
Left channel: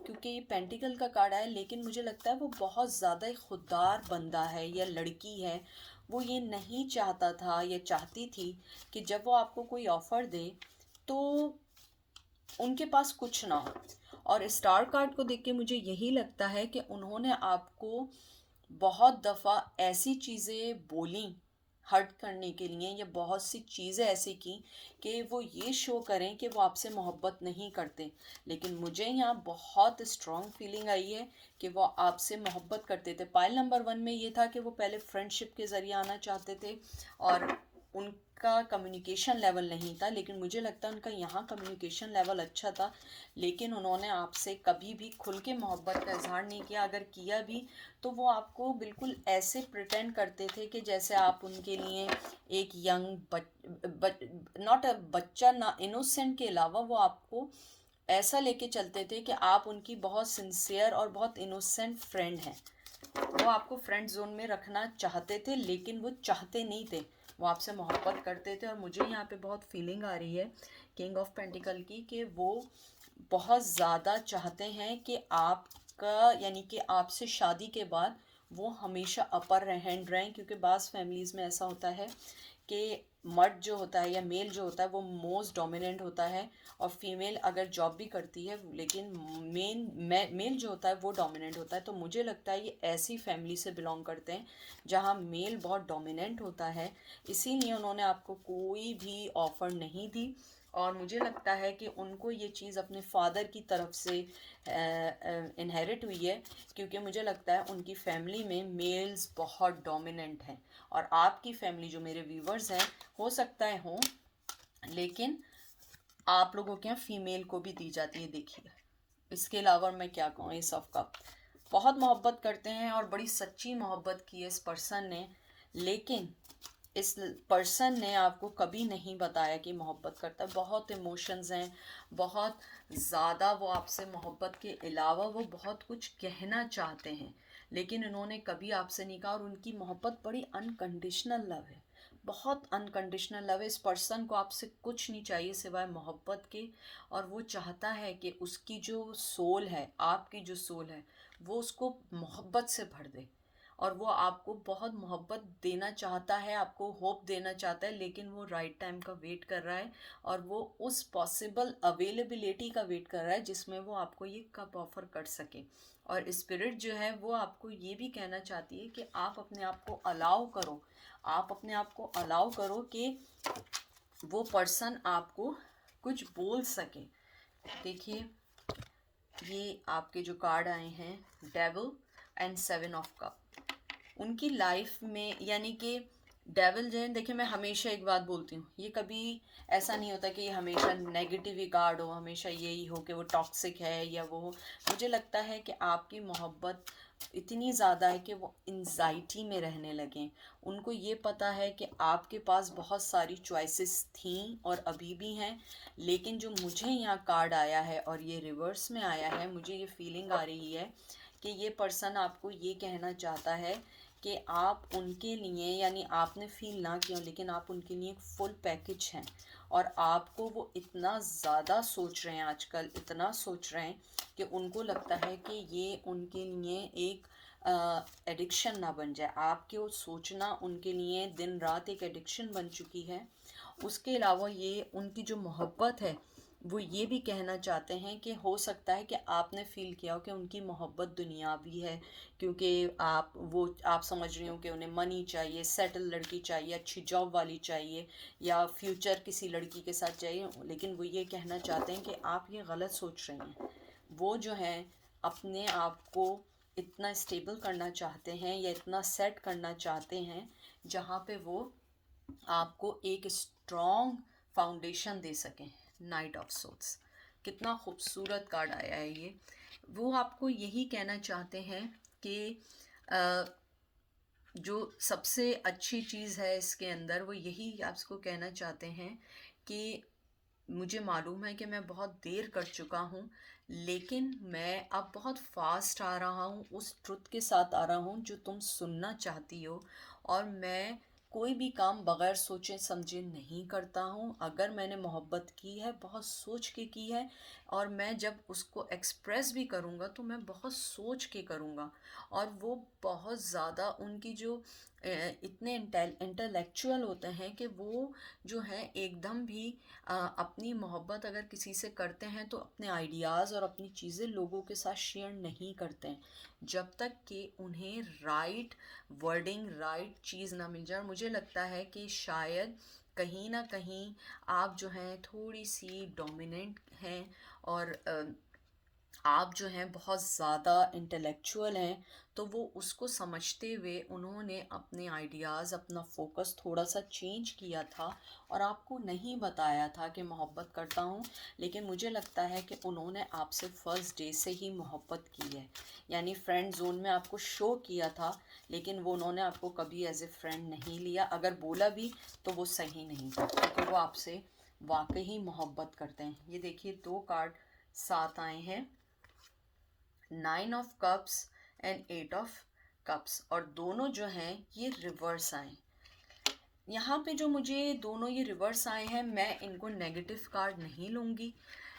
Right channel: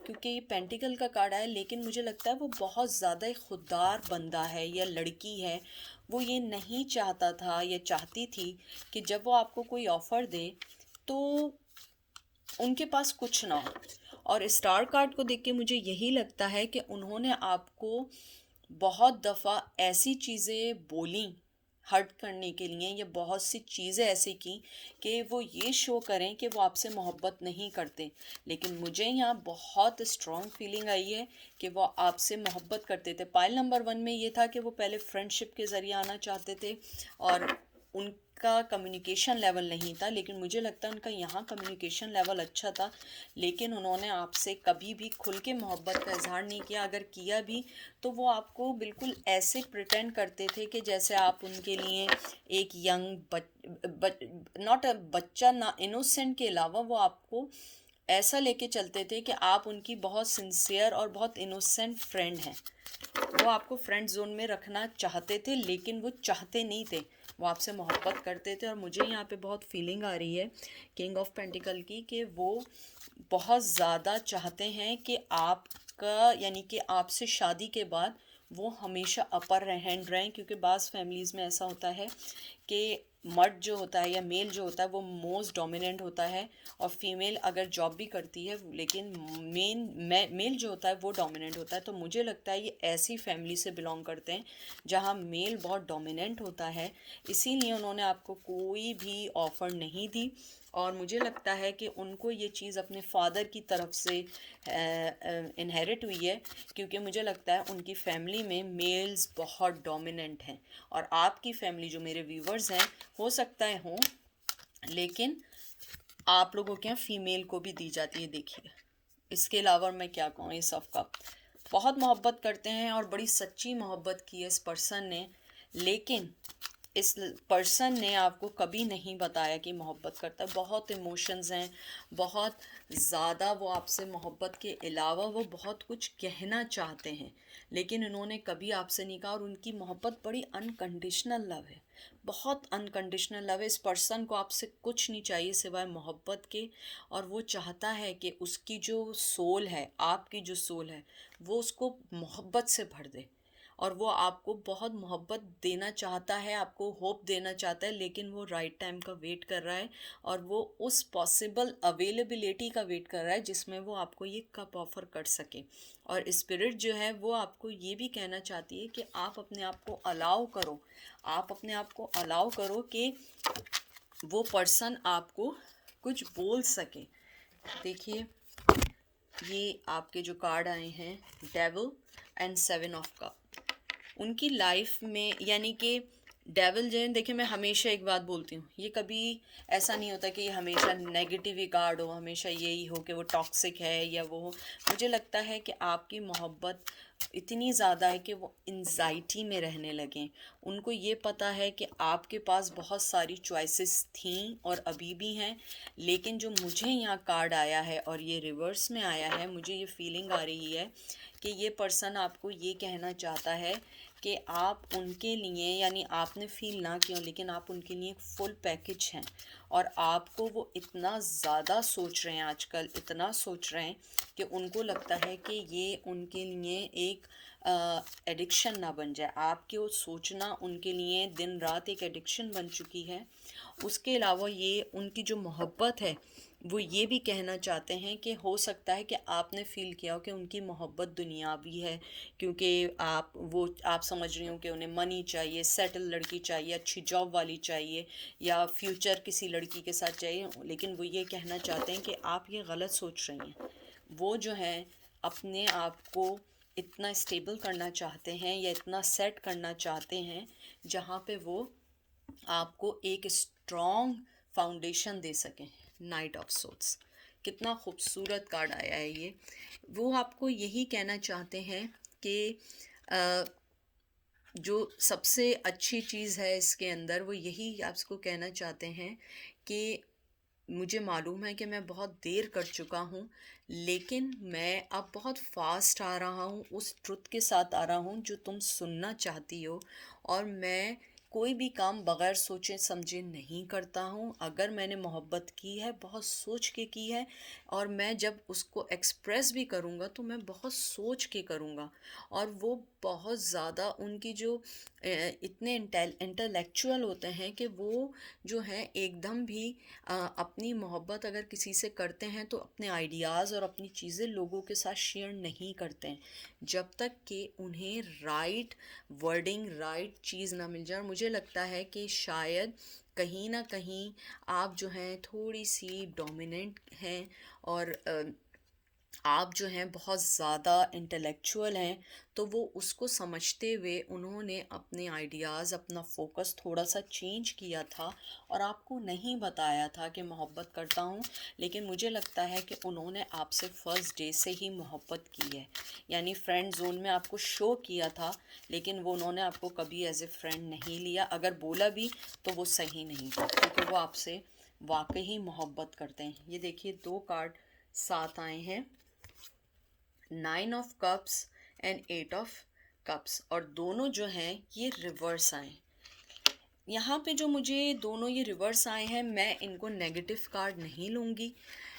क्योंकि ये पेंटिकल का कार्ड है, लेकिन मुझे लगता है वो बहुत ज़्यादा एक खुददार बंदा है या लड़की है। वो ये नहीं चाहता था या चाहती थी कि जब वो आपको कोई ऑफ़र दे तो उनके पास कुछ ना हो। और स्टार कार्ड को देख के मुझे यही लगता है कि उन्होंने आपको बहुत दफ़ा ऐसी चीज़ें बोली हर्ट करने के लिए, या बहुत सी चीज़ें ऐसी की कि वो ये शो करें कि वो आपसे मोहब्बत नहीं करते, लेकिन मुझे यहाँ बहुत स्ट्रॉन्ग फीलिंग आई है कि वो आपसे मोहब्बत करते थे। पाइल नंबर 1 में ये था कि वो पहले फ्रेंडशिप के ज़रिए आना चाहते थे, और उनका कम्युनिकेशन लेवल नहीं था, लेकिन मुझे लगता है उनका यहाँ कम्युनिकेशन लेवल अच्छा था, लेकिन उन्होंने आपसे कभी भी खुल के मोहब्बत का इजहार नहीं किया। अगर किया भी तो वो आपको बिल्कुल ऐसे प्रिटेंड करते थे कि जैसे आप उनके लिए एक यंग नॉट अ बच्चा, ना इनोसेंट के अलावा वो आपको ऐसा लेके चलते थे कि आप उनकी बहुत सिंसियर और बहुत इनोसेंट फ्रेंड हैं। वो आपको फ्रेंड जोन में रखना चाहते थे, लेकिन वो चाहते नहीं थे, वो आपसे मोहब्बत करते थे। और मुझे यहाँ पे बहुत फीलिंग आ रही है किंग ऑफ पेंटिकल की, कि वो बहुत ज़्यादा चाहते हैं कि आपका, यानी कि आपसे शादी के बाद वो हमेशा अपर हैंड रहें। क्योंकि बाज़ फैमिलीज़ में ऐसा होता है कि मर्द जो होता है या मेल जो होता है वो मोस्ट डोमिनेंट होता है, और फीमेल अगर जॉब भी करती है लेकिन मेल जो होता है वो डोमिनेंट होता है। तो मुझे लगता है ये ऐसी फैमिली से बिलोंग करते हैं जहाँ मेल बहुत डोमिनेंट होता है, इसीलिए उन्होंने आपको कोई भी ऑफ़र नहीं दी। और मुझे लगता है कि उनको ये चीज़ अपने फादर की तरफ से इनहेरिट हुई है, क्योंकि मुझे लगता है उनकी फैमिली में मेल्स बहुत डोमिनेंट हैं। और आपकी फैमिली, जो मेरे व्यूवर्स हैं, हो सकता है हों, लेकिन आप लोगों के यहाँ फीमेल को भी दी जाती है। देखिए, इसके अलावा मैं क्या कहूँ, ये सबका बहुत मोहब्बत करते हैं और बड़ी सच्ची मोहब्बत की है इस पर्सन ने। लेकिन इस पर्सन ने आपको कभी नहीं बताया कि मोहब्बत करता है। बहुत इमोशंस हैं, बहुत ज़्यादा वो आपसे मोहब्बत के अलावा वो बहुत कुछ कहना चाहते हैं, लेकिन उन्होंने कभी आपसे नहीं कहा। और उनकी मोहब्बत बड़ी अनकंडीशनल लव है, बहुत अनकंडीशनल लव है। इस पर्सन को आपसे कुछ नहीं चाहिए सिवाय मोहब्बत के, और वो चाहता है कि उसकी जो सोल है, आपकी जो सोल है, वो उसको मोहब्बत से भर दे। और वो आपको बहुत मोहब्बत देना चाहता है, आपको होप देना चाहता है, लेकिन वो राइट टाइम का वेट कर रहा है, और वो उस पॉसिबल अवेलेबिलिटी का वेट कर रहा है जिसमें वो आपको ये कप ऑफर कर सके। और स्पिरिट जो है वो आपको ये भी कहना चाहती है कि आप अपने आप को अलाउ करो, आप अपने आप को अलाउ करो कि वो पर्सन आपको कुछ बोल सके। देखिए, ये आपके जो कार्ड आए हैं, devil and seven of cup, उनकी लाइफ में, यानी कि डेविल जो है, देखिए मैं हमेशा एक बात बोलती हूँ, ये कभी ऐसा नहीं होता कि ये हमेशा नेगेटिव ही कार्ड हो, हमेशा यही हो कि वो टॉक्सिक है या वो हो। मुझे लगता है कि आपकी मोहब्बत इतनी ज़्यादा है कि वो एंजाइटी में रहने लगें। उनको ये पता है कि आपके पास बहुत सारी चॉइसेस थी और अभी भी हैं, लेकिन जो मुझे यहाँ कार्ड आया है और ये रिवर्स में आया है, मुझे ये फीलिंग आ रही है कि ये पर्सन आपको ये कहना चाहता है कि आप उनके लिए, यानी आपने फील ना किया लेकिन आप उनके लिए एक फुल पैकेज हैं। और आपको वो इतना ज़्यादा सोच रहे हैं आजकल, इतना सोच रहे हैं कि उनको लगता है कि ये उनके लिए एक एडिक्शन ना बन जाए। आपके वो सोचना उनके लिए दिन रात एक एडिक्शन बन चुकी है। उसके अलावा ये उनकी जो मोहब्बत है, वो ये भी कहना चाहते हैं कि हो सकता है कि आपने फ़ील किया हो कि उनकी मोहब्बत दुनियावी है, क्योंकि आप समझ रही हो कि उन्हें मनी चाहिए, सेटल लड़की चाहिए, अच्छी जॉब वाली चाहिए, या फ्यूचर किसी लड़की के साथ चाहिए। लेकिन वो ये कहना चाहते हैं कि आप ये गलत सोच रही हैं। वो जो हैं अपने आप को इतना स्टेबल करना चाहते हैं या इतना सेट करना चाहते हैं जहाँ पे वो आपको एक स्ट्रॉन्ग फाउंडेशन दे सकें। नाइट ऑफ सोल्स, कितना खूबसूरत कार्ड आया है ये। वो आपको यही कहना चाहते हैं कि जो सबसे अच्छी चीज़ है इसके अंदर, वो यही आपको कहना चाहते हैं कि मुझे मालूम है कि मैं बहुत देर कर चुका हूँ, लेकिन मैं अब बहुत फास्ट आ रहा हूँ, उस ट्रुथ के साथ आ रहा हूँ जो तुम सुनना चाहती हो। और मैं कोई भी काम बगैर सोचे समझे नहीं करता हूँ। अगर मैंने मोहब्बत की है, बहुत सोच के की है, और मैं जब उसको एक्सप्रेस भी करूँगा तो मैं बहुत सोच के करूँगा। और वो बहुत ज़्यादा उनकी जो इतने इंटेलेक्चुअल होते हैं कि वो जो है एकदम भी अपनी मोहब्बत अगर किसी से करते हैं तो अपने आइडियाज़ और अपनी चीज़ें लोगों के साथ शेयर नहीं करते हैं जब तक कि उन्हें राइट वर्डिंग, राइट चीज़ ना मिल जाए। और मुझे लगता है कि शायद कहीं ना कहीं आप जो हैं थोड़ी सी डोमिनेंट हैं, और आप जो हैं बहुत ज़्यादा इंटेलेक्चुअल हैं। तो वो उसको समझते हुए उन्होंने अपने आइडियाज़, अपना फोकस थोड़ा सा चेंज किया था, और आपको नहीं बताया था कि मोहब्बत करता हूँ। लेकिन मुझे लगता है कि उन्होंने आपसे फ़र्स्ट डे से ही मोहब्बत की है, यानी फ्रेंड जोन में आपको शो किया था, लेकिन वो उन्होंने आपको कभी एज ए फ्रेंड नहीं लिया। अगर बोला भी तो वो सही नहीं था, क्योंकि वो आपसे वाकई ही मोहब्बत करते हैं। ये देखिए, दो कार्ड साथ आए हैं 9 of cups and 8 of cups, और दोनों जो हैं ये रिवर्स आए। यहाँ पे जो मुझे दोनों ये रिवर्स आए हैं, मैं इनको नेगेटिव कार्ड नहीं लूँगी,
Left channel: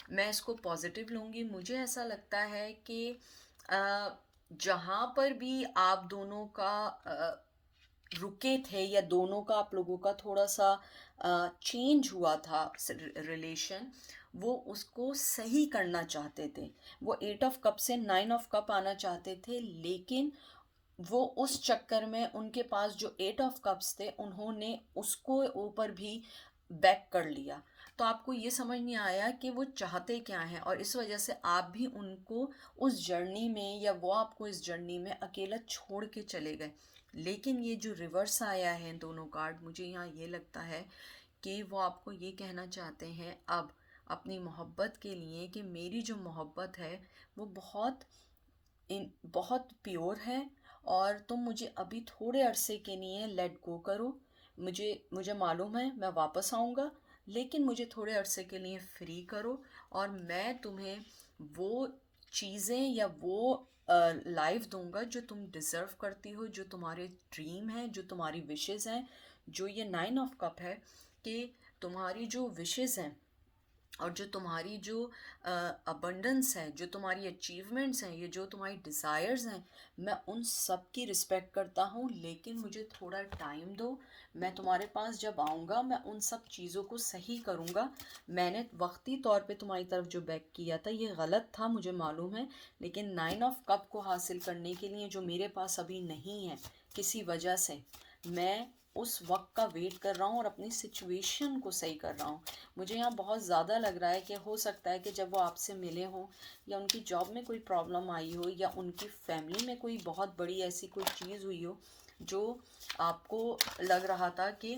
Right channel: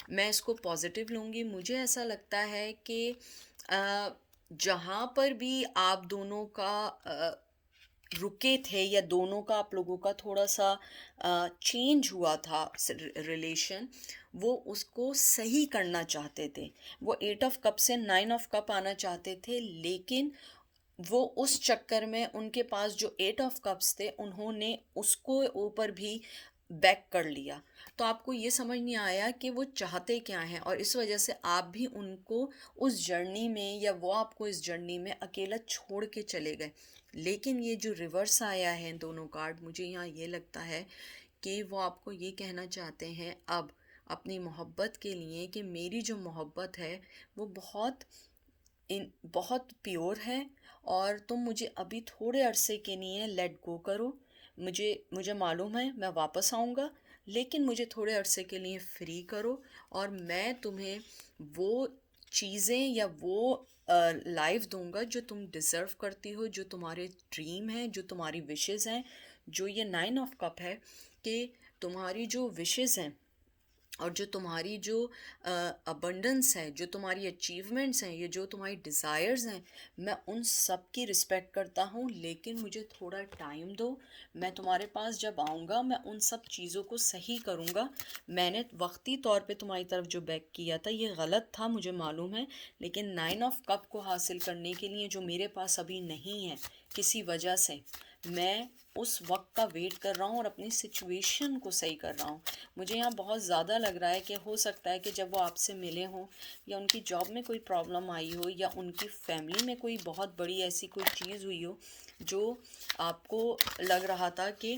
मैं इसको पॉजिटिव लूँगी। मुझे ऐसा लगता है कि जहाँ पर भी आप दोनों का रुके थे, या दोनों का आप लोगों का थोड़ा सा चेंज हुआ था रिलेशन, वो उसको सही करना चाहते थे। वो 8 ऑफ कप से 9 ऑफ कप आना चाहते थे, लेकिन वो उस चक्कर में उनके पास जो 8 ऑफ कप्स थे, उन्होंने उसको ऊपर भी बैक कर लिया। तो आपको ये समझ नहीं आया कि वो चाहते क्या हैं, और इस वजह से आप भी उनको उस जर्नी में, या वो आपको इस जर्नी में अकेला छोड़ के चले गए। लेकिन ये जो रिवर्स आया है दोनों कार्ड, मुझे यहाँ ये लगता है कि वो आपको ये कहना चाहते हैं अब अपनी मोहब्बत के लिए, कि मेरी जो मोहब्बत है वो बहुत प्योर है, और तुम मुझे अभी थोड़े अरसे के लिए लेट गो करो। मुझे मालूम है मैं वापस आऊँगा, लेकिन मुझे थोड़े अरसे के लिए फ्री करो, और मैं तुम्हें वो चीज़ें या वो लाइफ दूंगा जो तुम डिज़र्व करती हो, जो तुम्हारे ड्रीम है, जो तुम्हारी विशेज़ हैं। जो ये 9 ऑफ कप है, कि तुम्हारी जो विशेज़ हैं और जो तुम्हारी जो अबंडेंस है, जो तुम्हारी अचीवमेंट्स हैं, ये जो तुम्हारी डिज़ायर्स हैं, मैं उन सब की रिस्पेक्ट करता हूँ, लेकिन मुझे थोड़ा टाइम दो। मैं तुम्हारे पास जब आऊँगा, मैं उन सब चीज़ों को सही करूँगा। मैंने वक्ती तौर पे तुम्हारी तरफ जो बैक किया था, ये गलत था, मुझे मालूम है, लेकिन 9 ऑफ कप को हासिल करने के लिए जो मेरे पास अभी नहीं है किसी वजह से, मैं उस वक्त का वेट कर रहा हूँ और अपनी सिचुएशन को सही कर रहा हूँ। मुझे यहाँ बहुत ज़्यादा लग रहा है कि हो सकता है कि जब वो आपसे मिले हों, या उनकी जॉब में कोई प्रॉब्लम आई हो, या उनकी फैमिली में कोई बहुत बड़ी ऐसी कोई चीज़ हुई हो जो आपको लग रहा था कि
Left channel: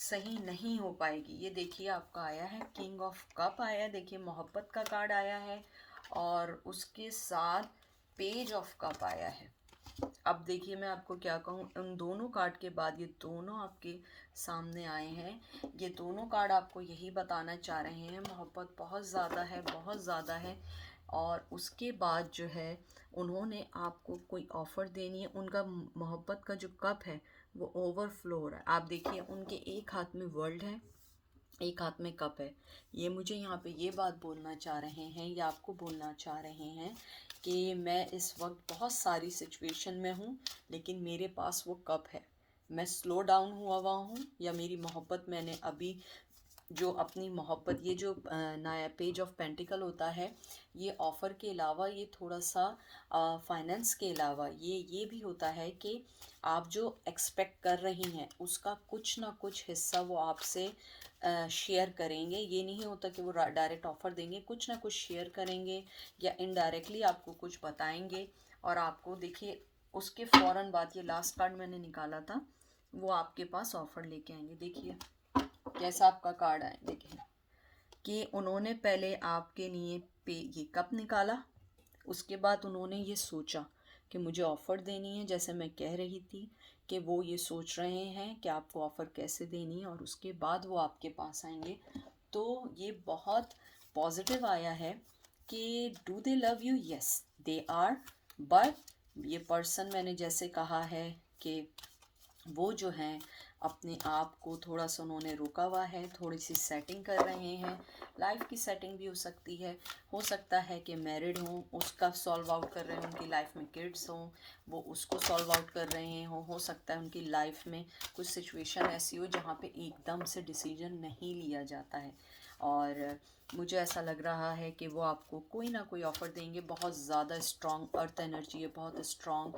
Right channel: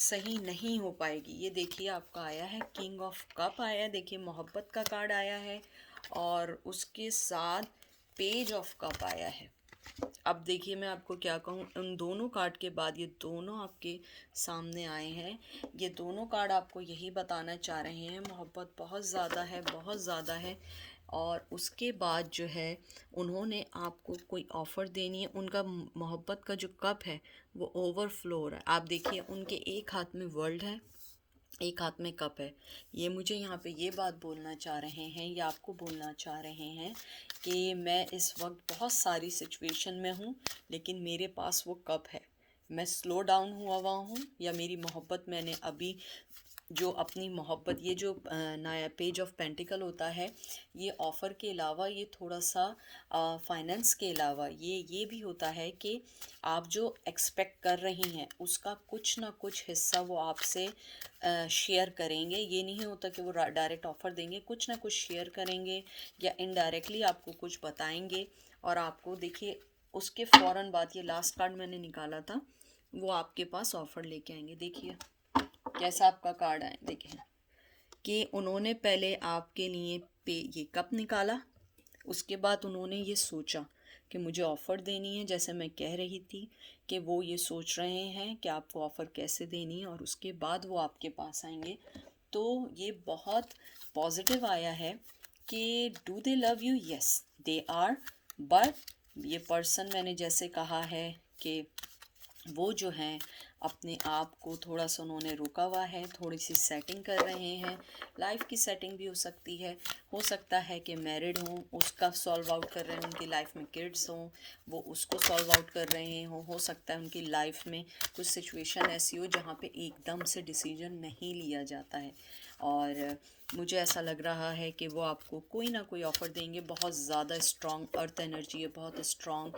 सही नहीं हो पाएगी। ये देखिए आपका आया है किंग ऑफ कप आया, देखिए मोहब्बत का कार्ड आया है, और उसके साथ पेज ऑफ कप आया है। अब देखिए मैं आपको क्या कहूँ, उन दोनों कार्ड के बाद ये दोनों आपके सामने आए हैं। ये दोनों कार्ड आपको यही बताना चाह रहे हैं, मोहब्बत बहुत ज़्यादा है, बहुत ज़्यादा है, और उसके बाद जो है उन्होंने आपको कोई ऑफ़र देनी है। उनका मोहब्बत का जो कप है वो ओवरफ्लो हो रहा है। आप देखिए उनके एक हाथ में वर्ल्ड है, एक हाथ में कप है। ये मुझे यहाँ पे ये बात बोलना चाह रहे हैं, या आपको बोलना चाह रहे हैं, कि मैं इस वक्त बहुत सारी सिचुएशन में हूँ, लेकिन मेरे पास वो कप है। मैं स्लो डाउन हुआ हूँ, या मेरी मोहब्बत, मैंने अभी जो अपनी मोहब्बत, ये जो नया पेज ऑफ पेंटिकल होता है, ये ऑफ़र के अलावा, ये थोड़ा सा फाइनेंस के अलावा, ये भी होता है कि आप जो एक्सपेक्ट कर रही हैं उसका कुछ ना कुछ हिस्सा वो आपसे शेयर करेंगे। ये नहीं होता कि वो डायरेक्ट ऑफ़र देंगे, कुछ ना कुछ शेयर करेंगे, या इनडायरेक्टली आपको कुछ बताएंगे। और आपको देखिए उसके फ़ौरन बाद, ये लास्ट कार्ड मैंने निकाला था, वो आपके पास ऑफ़र लेके आएंगे। देखिए कैसा आपका कार्ड आए, देखिए कि उन्होंने पहले आपके लिए ये कप निकाला, उसके बाद उन्होंने ये सोचा कि मुझे ऑफ़र देनी है, जैसे मैं कह रही थी कि वो ये सोच रहे हैं कि आपको ऑफ़र कैसे देनी है, और उसके बाद वो आपके पास आएंगे। तो ये बहुत पॉजिटिव आया है कि do they love you, yes they are, but ये पर्सन, मैंने जैसे कहा है कि वो जो हैं अपने आप को थोड़ा सा उन्होंने रोका हुआ है, थोड़ी सी सेटिंग कर रहे हैं। लाइफ की सेटिंग भी हो सकती है, हो सकता है कि मैरिड हों, उसका सॉल्व आउट कर रहे हैं, उनकी लाइफ में किड्स हों, वो उसको सॉल्व आउट कर रहे हों। हो सकता है उनकी लाइफ में कुछ सिचुएशन ऐसी हो जहाँ पे एकदम से डिसीजन नहीं लिया जाता है, और मुझे ऐसा लग रहा है कि वो आपको कोई ना कोई ऑफ़र देंगे। बहुत ज़्यादा स्ट्रॉन्ग अर्थ एनर्जी है, बहुत स्ट्रॉन्ग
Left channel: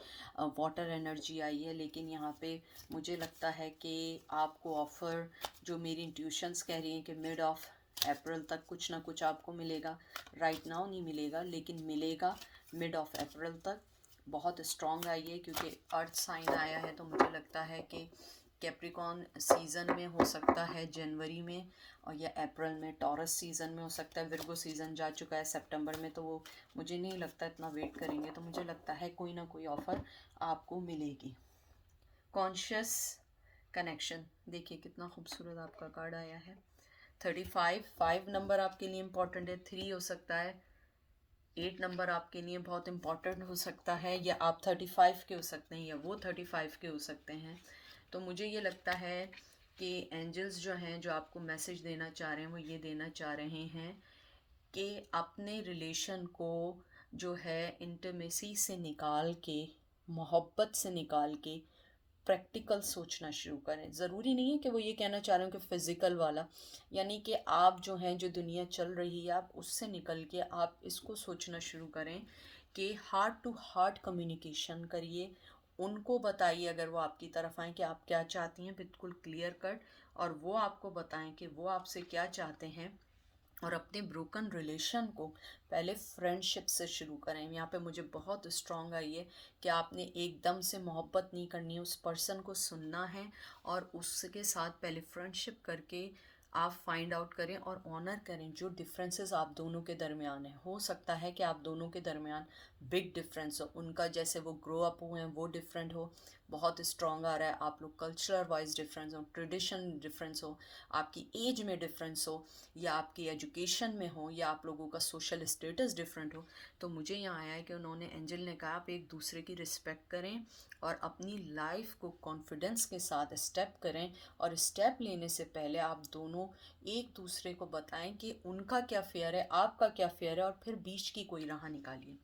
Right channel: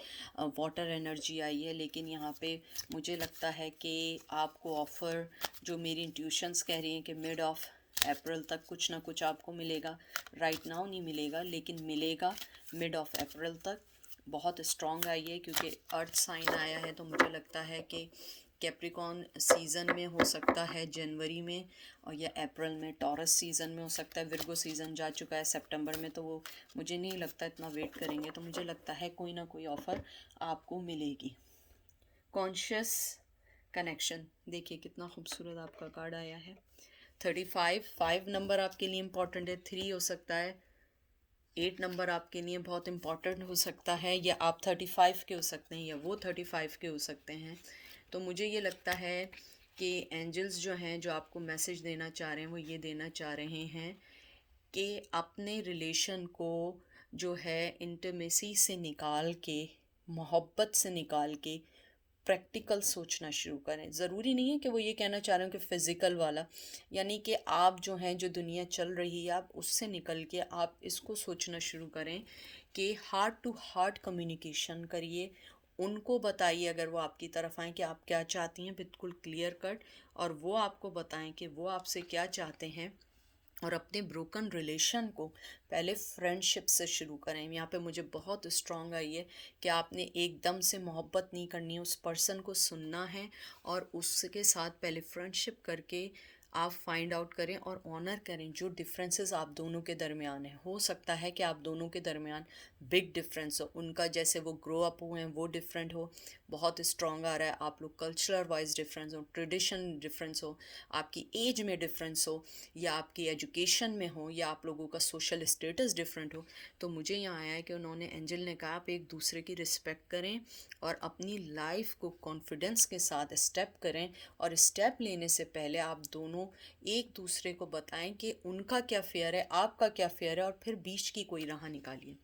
वाटर एनर्जी आई है, लेकिन यहाँ पे मुझे लगता है कि आपको ऑफ़र, जो मेरी इंट्यूशंस कह रही हैं कि मिड ऑफ अप्रैल तक कुछ ना कुछ आपको मिलेगा। राइट नाउ नहीं मिलेगा, लेकिन मिलेगा मिड ऑफ अप्रैल तक। बहुत स्ट्रॉन्ग आई है, क्योंकि अर्थ साइन आया है, तो मुझे लगता है कि कैप्रिकॉर्न सीज़न में हो सकता है जनवरी में, और या अप्रैल में टॉरस सीज़न में हो सकता है। विर्गो सीज़न जा चुका है सितंबर में, तो वो मुझे नहीं लगता इतना वेट करेंगे। तो मुझे लगता है कोई ना कोई ऑफ़र आपको मिलेगी। कॉन्शियस कनेक्शन, देखिए कितना खूबसूरत आपका कार्ड आया है। 35, 5 नंबर आपके लिए इम्पोर्टेंट है, 3 हो सकता है, 8 नंबर आपके लिए बहुत इम्पॉर्टेंट हो सकता है, या आप 35 के हो सकते हैं, या वो 35 के हो सकते हैं। तो मुझे ये लगता है कि एंजल्स जो हैं, जो आपको मैसेज देना चाह रहे हैं, वो ये देना चाह रहे हैं कि अपने रिलेशन को जो है इंटीमेसी से निकाल के, मोहब्बत से निकाल के प्रैक्टिकल सोचना शुरू करें। ज़रूरी नहीं है कि वो ये कहना चाह रहे हो कि फ़िज़िकल वाला, यानी कि आप जो हैं, जो दुनिया चल रही है, आप उससे निकल के आप इसको सोचना शुरू करें कि हार्ट टू हार्ट कम्युनिकेशन करिए। उनको बताइए, अगर वो आपकी तरफ आएँ, कि आप क्या चाहती हैं, बिल्कुल क्लियर कट, और वो आपको बताएं कि वो आपसे क्या चाहते हैं। और अपने ब्रोकन रिलेशन को पहले फ्रेंडशिप से शुरू करें। यहाँ पे मुझे बहुत स्ट्रांग आई है कि आपने एकदम से मोहब्बत नहीं करनी है, उस पर्सन को सुनना है, और उसके साथ पहले फ्रेंडशिप करके आप फाइंड आउट करें और ऑनर करें जो डिफरेंसेस आप दोनों के दरमियान है। हो सकता है कि आप दोनों के दरमियान बिग डिफरेंस हो, उनका जैसे वो ग्रो अप हुए हैं वो डिफरेंट हो, बहुत स्ट्रांग आ रहा है, आप लोग कल्चरल वाइज डिफरेंस हो, ट्रेडिशन डिफरेंस हो, आपकी एज में डिफरेंस हो, या आपकी एजुकेशन में हो, या आप लोगों का सोशल स्टेटस डिफरेंट हो। तो मुझे यहाँ आया है कि उन्होंने, एंजल ने कहा, आप एक दूसरे की रिस्पेक्ट करें और अपनी लाइफ को कॉन्फिडेंस के साथ स्टेप करें, और स्टेप लेने से पहले आप दोनों एक दूसरे को बताएं कि उनका क्या फेयर है, आपका क्या फेयर है, और फिर बीच की कोई राह निकालिए।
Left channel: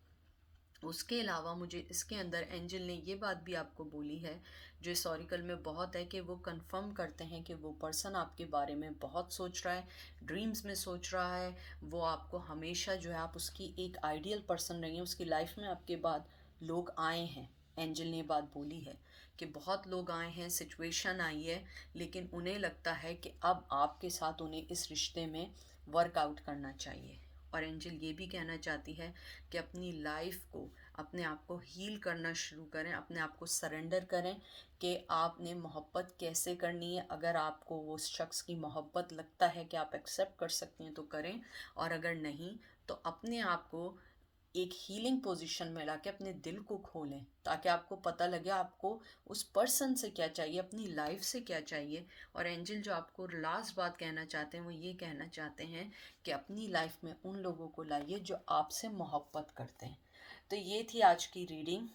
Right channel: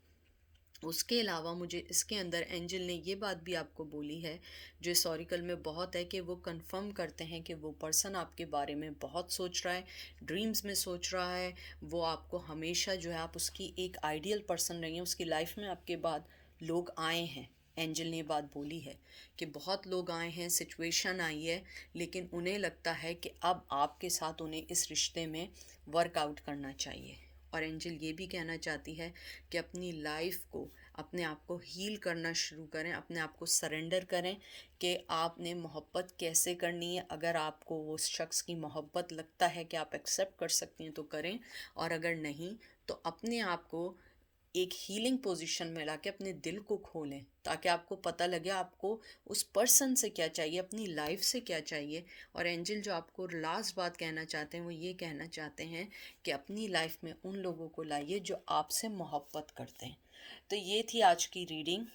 उसके अलावा मुझे इसके अंदर एंजल ने ये बात भी आपको बोली है, जो इस ऑरिकल में बहुत है, कि वो कंफर्म करते हैं कि वो पर्सन आपके बारे में बहुत सोच रहा है, ड्रीम्स में सोच रहा है। वो आपको हमेशा जो है, आप उसकी एक आइडियल पर्सन रही हैं, उसकी लाइफ में आपके बाद लोग आए हैं। एंजल ने बात बोली है कि बहुत लोग आए हैं, सिचुएशन आई है, लेकिन उन्हें लगता है कि अब आपके साथ उन्हें इस रिश्ते में वर्कआउट करना चाहिए। और एंजल ये भी कहना चाहती है कि अपनी लाइफ को, अपने आप को हील करना शुरू करें, अपने आप को सरेंडर करें कि आपने मोहब्बत कैसे करनी है। अगर आपको वो शख्स की मोहब्बत लगता है कि आप एक्सेप्ट कर सकती हैं तो करें, और अगर नहीं तो अपने आप को एक हीलिंग पोजीशन में लाके अपने दिल को खोलें, ताकि आपको पता लगे आपको उस पर्सन से क्या चाहिए, अपनी लाइफ से क्या चाहिए। और एंजल जो आपको लास्ट बात कहना चाहते हैं, वो ये कहना चाहते हैं कि अपनी लाइफ में उन लोगों को लाइए जो आपसे मोहब्बत करते हैं। तो ये थी आज की रीडिंग,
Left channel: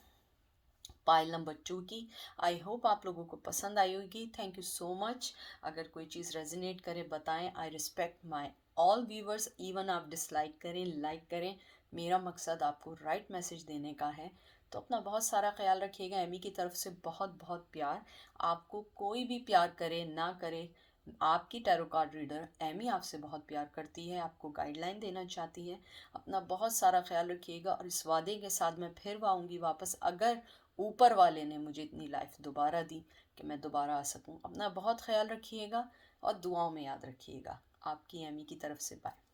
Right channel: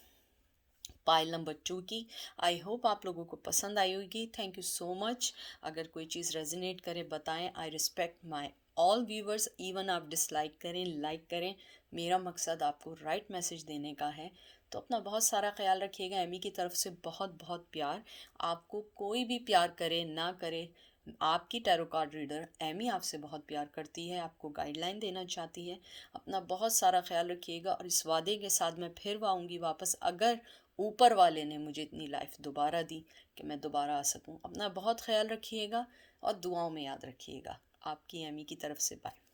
पाइल नंबर 2 की। आई होप आप लोगों को पसंद आई होगी। Thank you so much. अगर कोई चीज़ रेजोनेट करे बताएं। I respect my all viewers, even आप डिसलाइक करें, लाइक करें, मेरा मकसद आपको राइट मैसेज देने का है। तो अपना बहुत सारा ख्याल रखिएगा। एमी की तरफ से बहुत बहुत प्यार। आपको कोई भी प्यार करे ना करे, आपकी टैरो कार्ड रीडर एमी आपसे बहुत प्यार करती है, आपको गाइडलाइन देना चाहती है। अपना बहुत सारा ख्याल रखिएगा, और इस वादे के साथ मैं फिर आऊँगी वापस, अगर ऊपर वाले ने मुझे इतनी लाइफ दोबारा दी कि मैं दोबारा आ सकूं। अपना बहुत ख्याल रखिएगा और दुआओं में याद रखिएगा। आपकी एमी की तरफ से बाय।